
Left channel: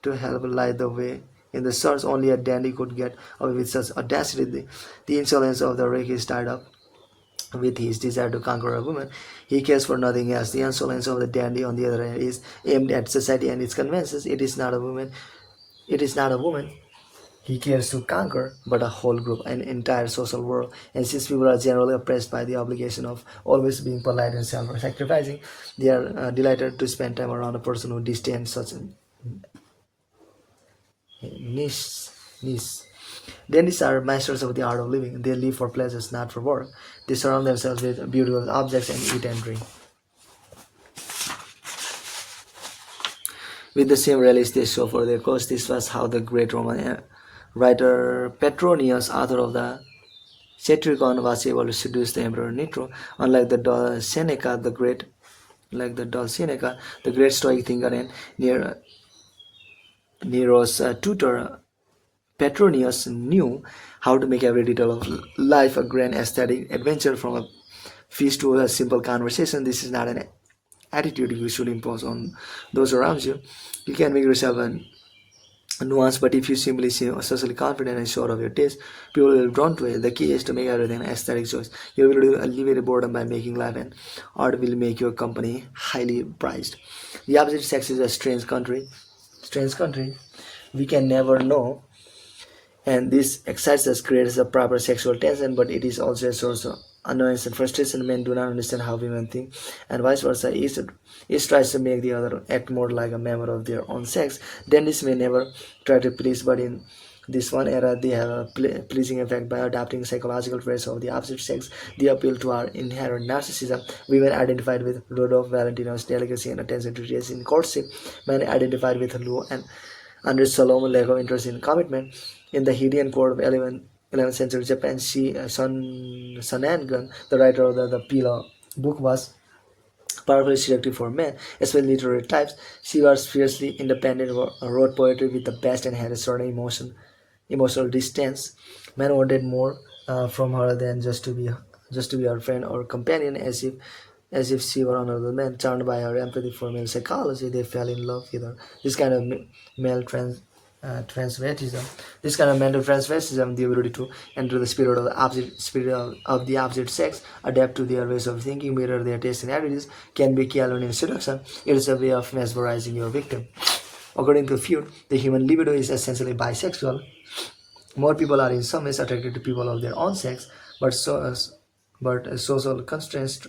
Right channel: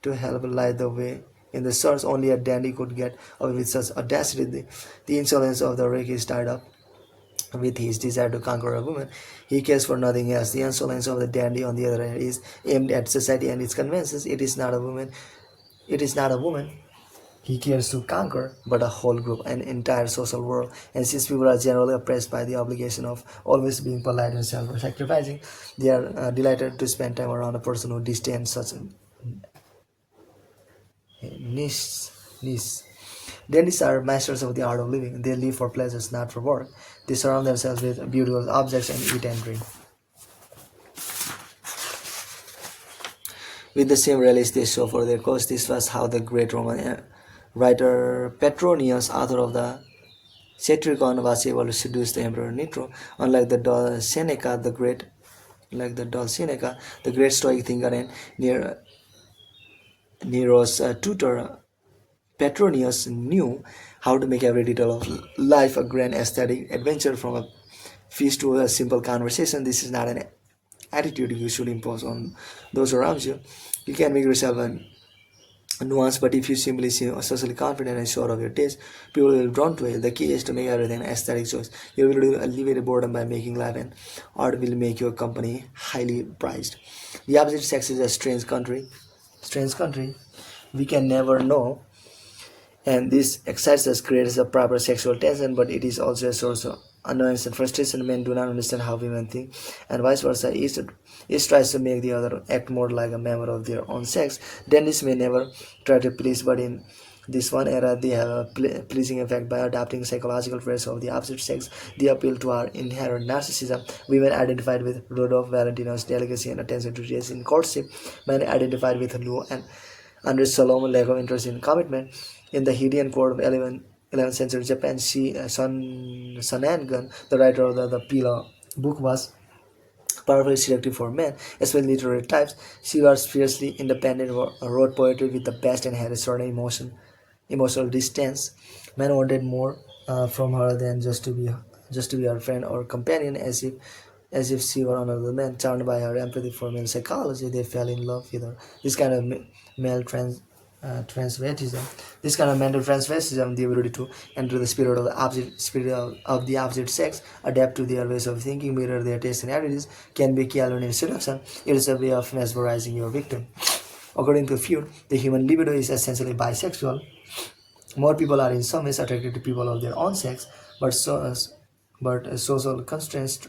to help light the way. In the search, only a dandy could get away with such audacity. The insolence of the rake is tied up with his desire to conquer a woman. He cares for nothing else. The insolence of the dandy, on the other hand, is aimed at society and its conventions. It is not a woman. It is not a woman he cares to conquer, but a whole group, an entire social world. And since people are generally oppressed by the obligation of always being polite and self-sacrificing, they are delighted to spend time around a person who disdains such niche. Dandies are masters of the art of living. They live for pleasures, not for work. They surround themselves with beautiful objects and eat and drink with the same relish they show for their cause. This was how the great Roman writer Petronius, author of the Satiricon, was able to seduce the Emperor Nitro. Unlike the dull Seneca, the great Stoic thinker and Nero's tutor, Petronius knew how to make every detail of life a grand aesthetic adventure, from a feast to a simple conversation. This is not an attitude you should impose on those around you. You can make yourself a nuance, but if you simply seem socially confident and sure of your taste, people will be drawn to it. The key is to make everything an aesthetic choice. You will alleviate boredom by making life, and art will make your company highly prized. The opposite sex is a strange country. Strange country. We can never know, and this excites us, creates a proper sexual tension, but it is also a source of annoyance and frustration. Men do not understand how women think, and vice versa. Each tries to make the other act more like a member of their own sex. Dandies may never try to please, but in this one era, they have a pleasing effect by adopting psychological traits of the opposite sex. They appeal to our inherent narcissism. Women identified with Rudolph Valentino's delicacy and attention to details in courtship. Men identified with Lou and Andre Salomon's lack of interest in commitment. In the Heian court of 11th century Japan, Sun Sanangan, the writer of the Pila book, was powerfully selective for men, especially literary types. She was fiercely independent, wrote poetry with the best, and had a certain emotional distance. Men wanted more from her than just to be her friend or companion, as if she were another man. Charmed by her empathy for male psychology, they fell in love with her. This kind of male transvestism. This kind of mental transvestism, the ability to enter the spirit of the opposite sex, adapt to their ways of thinking, mirror their tastes and attitudes, can be calorie in seduction. It is a way of mesmerizing your victim. According to Freud, the human libido is essentially bisexual. More people are in some ways attracted to people of their own sex, but social constraints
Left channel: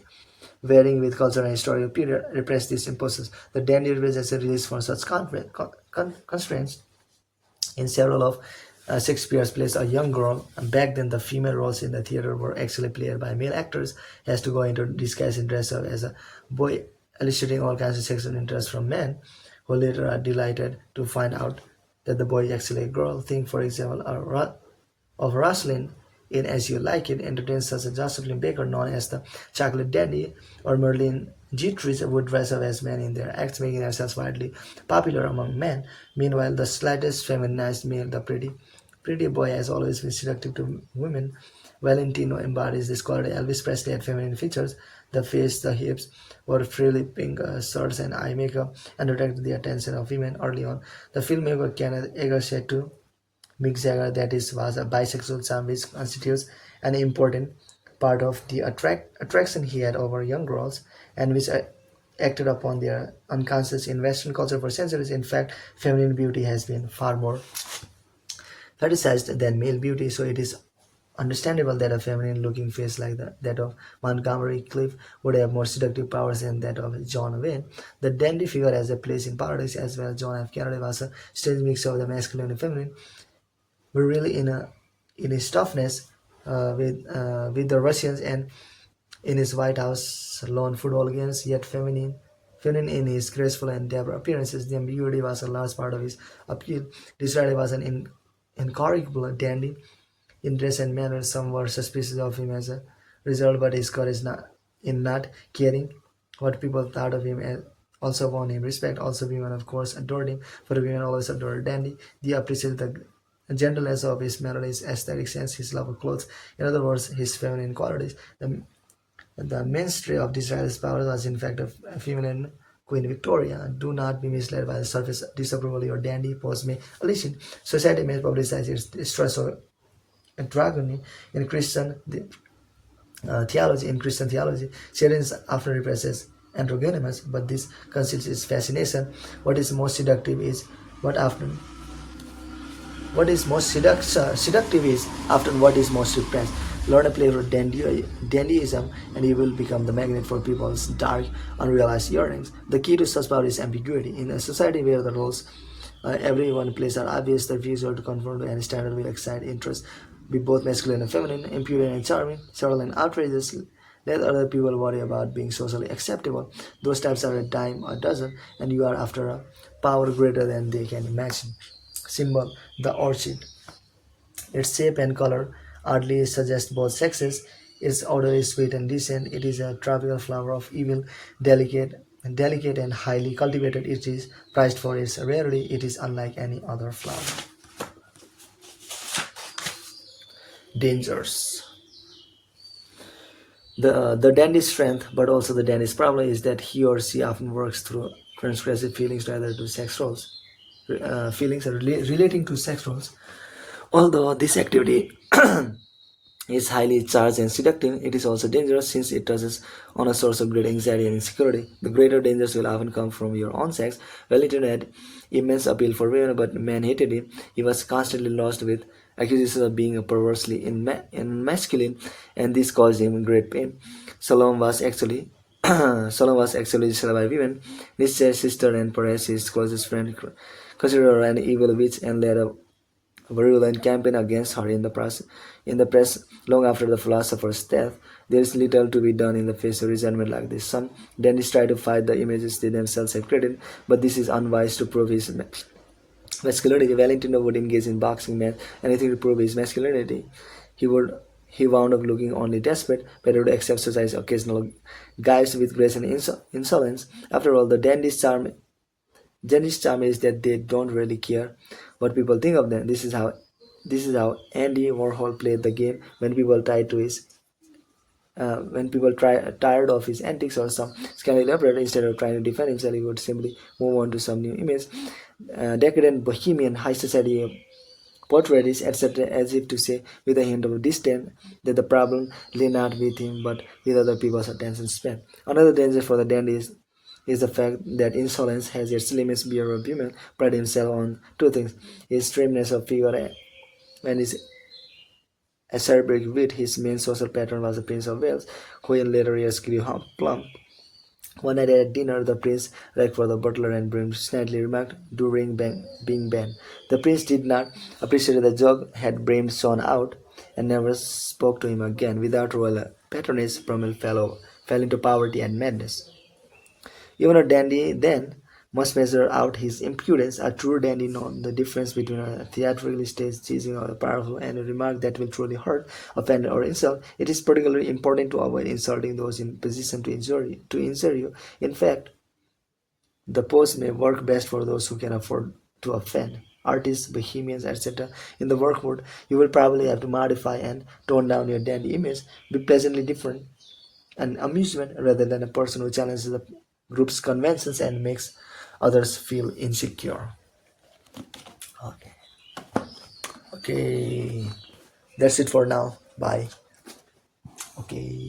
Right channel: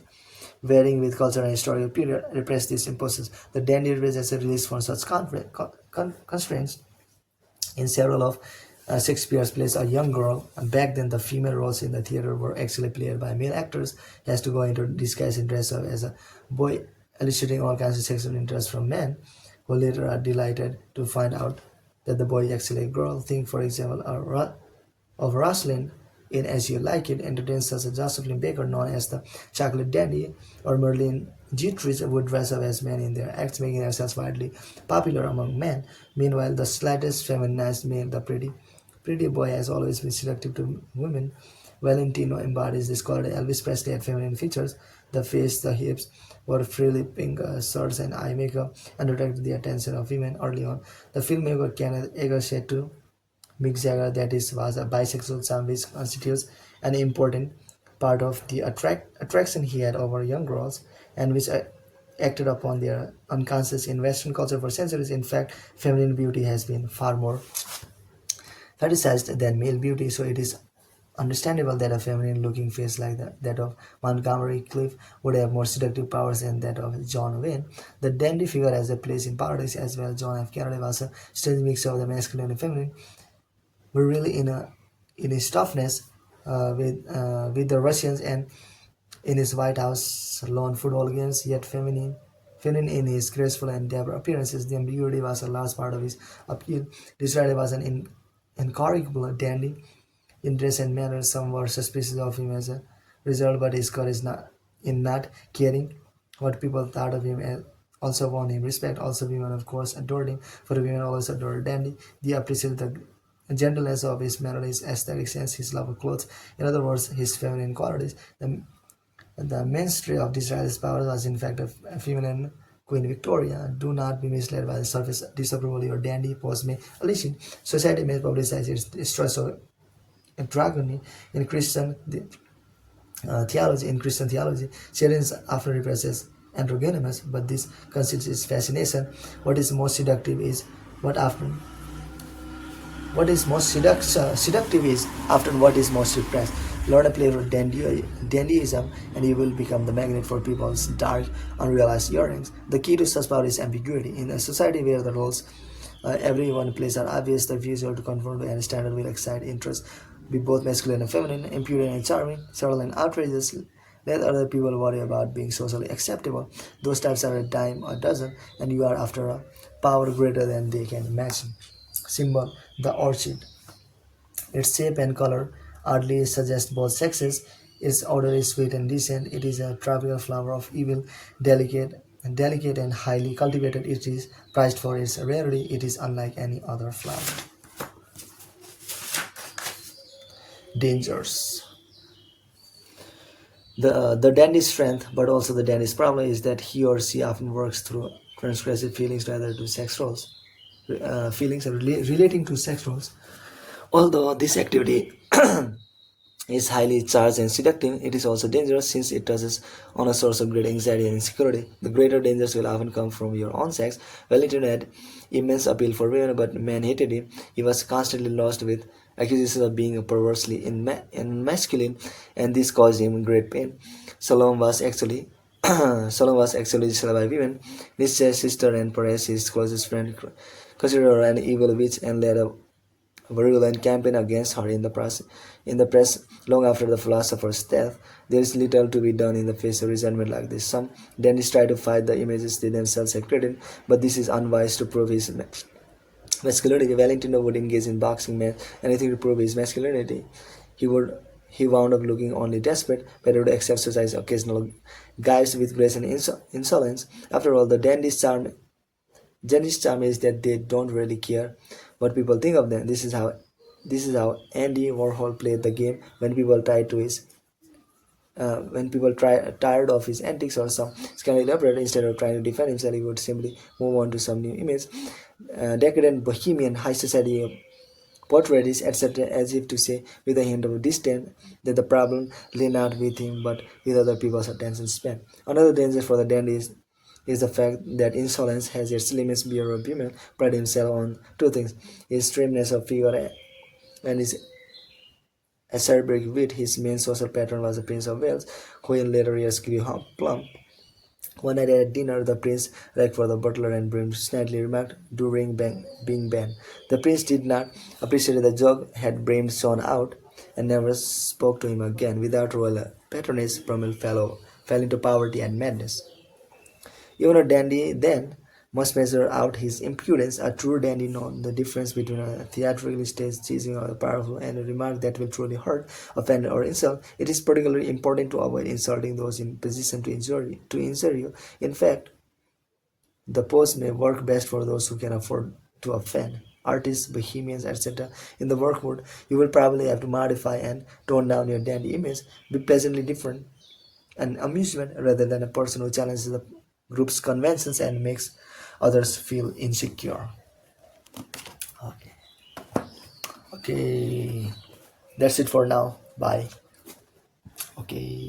varying with cultural and historical period repress these impulses. The dandy represents a release from such constraints. In several of Shakespeare's plays, a young girl, and back then the female roles in the theater were actually played by male actors, has to go into disguise and dress up as a boy, eliciting all kinds of sexual interest from men, who later are delighted to find out that the boy is actually a girl. Think, for example, of Rosalind in As You Like It, entertains such as Josephine Baker, known as the Chocolate Dandy, or Merlin Dietrich would dress up as men in their acts, making themselves widely popular among men. Meanwhile, the slightest feminized male, the pretty boy, has always been seductive to women. Valentino embodies this quality. Elvis Presley had feminine features. The face, the hips, wore frilly pink shirts and eye makeup, and attracted the attention of women early on. The filmmaker Kenneth Anger said to Mick Jagger that is was a bisexual charm which constitutes an important part of the attraction he had over young girls, and which acted upon their unconscious in Western culture for centuries. In fact, feminine beauty has been far more fetishized than male beauty, so it is understandable that a feminine looking face like that of Montgomery Clift would have more seductive powers than that of John Wayne. The dandy figure has a place in paradise as well. John F. Kennedy was a strange mix of the masculine and feminine, but really in his toughness with the Russians, and in his White House lawn football games, yet feminine in his graceful and dapper appearances. The ambiguity was a large part of his appeal. Disraeli was an incorrigible dandy in dress and manner. Some were suspicious of him as a result, but his courage in not caring what people thought of him also won him respect. Also, women, of course, adored him, for women always adored dandy. They appreciated the gentleness of his manner, his aesthetic sense, his love of clothes. In other words, his feminine qualities. The mainstay of Disraeli's power was in fact a feminine Queen Victoria. Do not be misled by the surface disapproval your dandy pose may elicit. Society may publicize its trust of androgyny in Christian theology. In Christian theology, Satan often represents androgynous, but this conceals its fascination. What is most seductive is often what is most repressed. Learn a play of dandyism, and you will become the magnet for people's dark, unrealized yearnings. The key to such power is ambiguity. In a society where the roles everyone plays are obvious, the visual to conform to any standard will excite interest, be both masculine and feminine, impudent and charming, subtle and outrageous. Let other people worry about being socially acceptable. Those types are a dime a dozen, and you are after a power greater than they can imagine. Symbol: the orchid. Its shape and color oddly suggest both sexes. Its odor is sweet and decent. It is a tropical flower of evil, delicate and highly cultivated. It is prized for its rarity. It is unlike any other flower. Dangers. The dandy's strength, but also the dandy's problem, is that he or she often works through transgressive feelings rather to sex roles. Feelings are relating to sex roles. Although this activity is highly charged and seductive, it is also dangerous since it touches on a source of great anxiety and insecurity. The greater dangers will often come from your own sex. Wellington had immense appeal for women, but men hated him. He was constantly lost with accusations of being perversely masculine, and this caused him great pain. Salome was actually disturbed by women. Nietzsche's sister and perhaps his closest friend considered her an evil witch and led a virulent campaign against her in the press. Long after the philosopher's death. There is little to be done in the face of resentment like this. Some dandies try to fight the images they themselves have created, but this is unwise to prove his masculinity. Valentino would engage in boxing match, anything to prove his masculinity. He wound up looking only desperate, better to exercise occasional guise with grace and insolence. After all, the dandy's charm is that they don't really care what people think of them. This is how Andy Warhol played the game when people tried to his When people tired of his antics or some scandal operator, instead of trying to defend himself, he would simply move on to some new image. Decadent bohemian high society portraits, etc., as if to say, with a hint of disdain, that the problem lay not with him but with other people's attention span. Another danger for the dandy is the fact that insolence has its limits. Pierre Bumen prided himself on two things: his trimness of figure and his acerbic wit. His main social patron was the Prince of Wales, who in later years grew plump. One night at dinner, the prince rang for the butler and Brim snidely remarked, "Do ring bang, bing bang." The prince did not appreciate the joke had Brim shone out, and never spoke to him again. Without royal patronage, Brummel fell into poverty and madness. Even a dandy then must measure out his impudence. A true dandy knows the difference between a theatrically staged teasing of the powerful and a remark that will truly hurt, offend, or insult. It is particularly important to avoid insulting those in position to injure you. In fact, the pose may work best for those who can afford to offend. Artists, bohemians, etc. In the work mood, you will probably have to modify and tone down your dandy image, be pleasantly different, an amusement rather than a person who challenges the group's conventions and makes others feel insecure. Okay. Okay. That's it for now. Bye. Okay.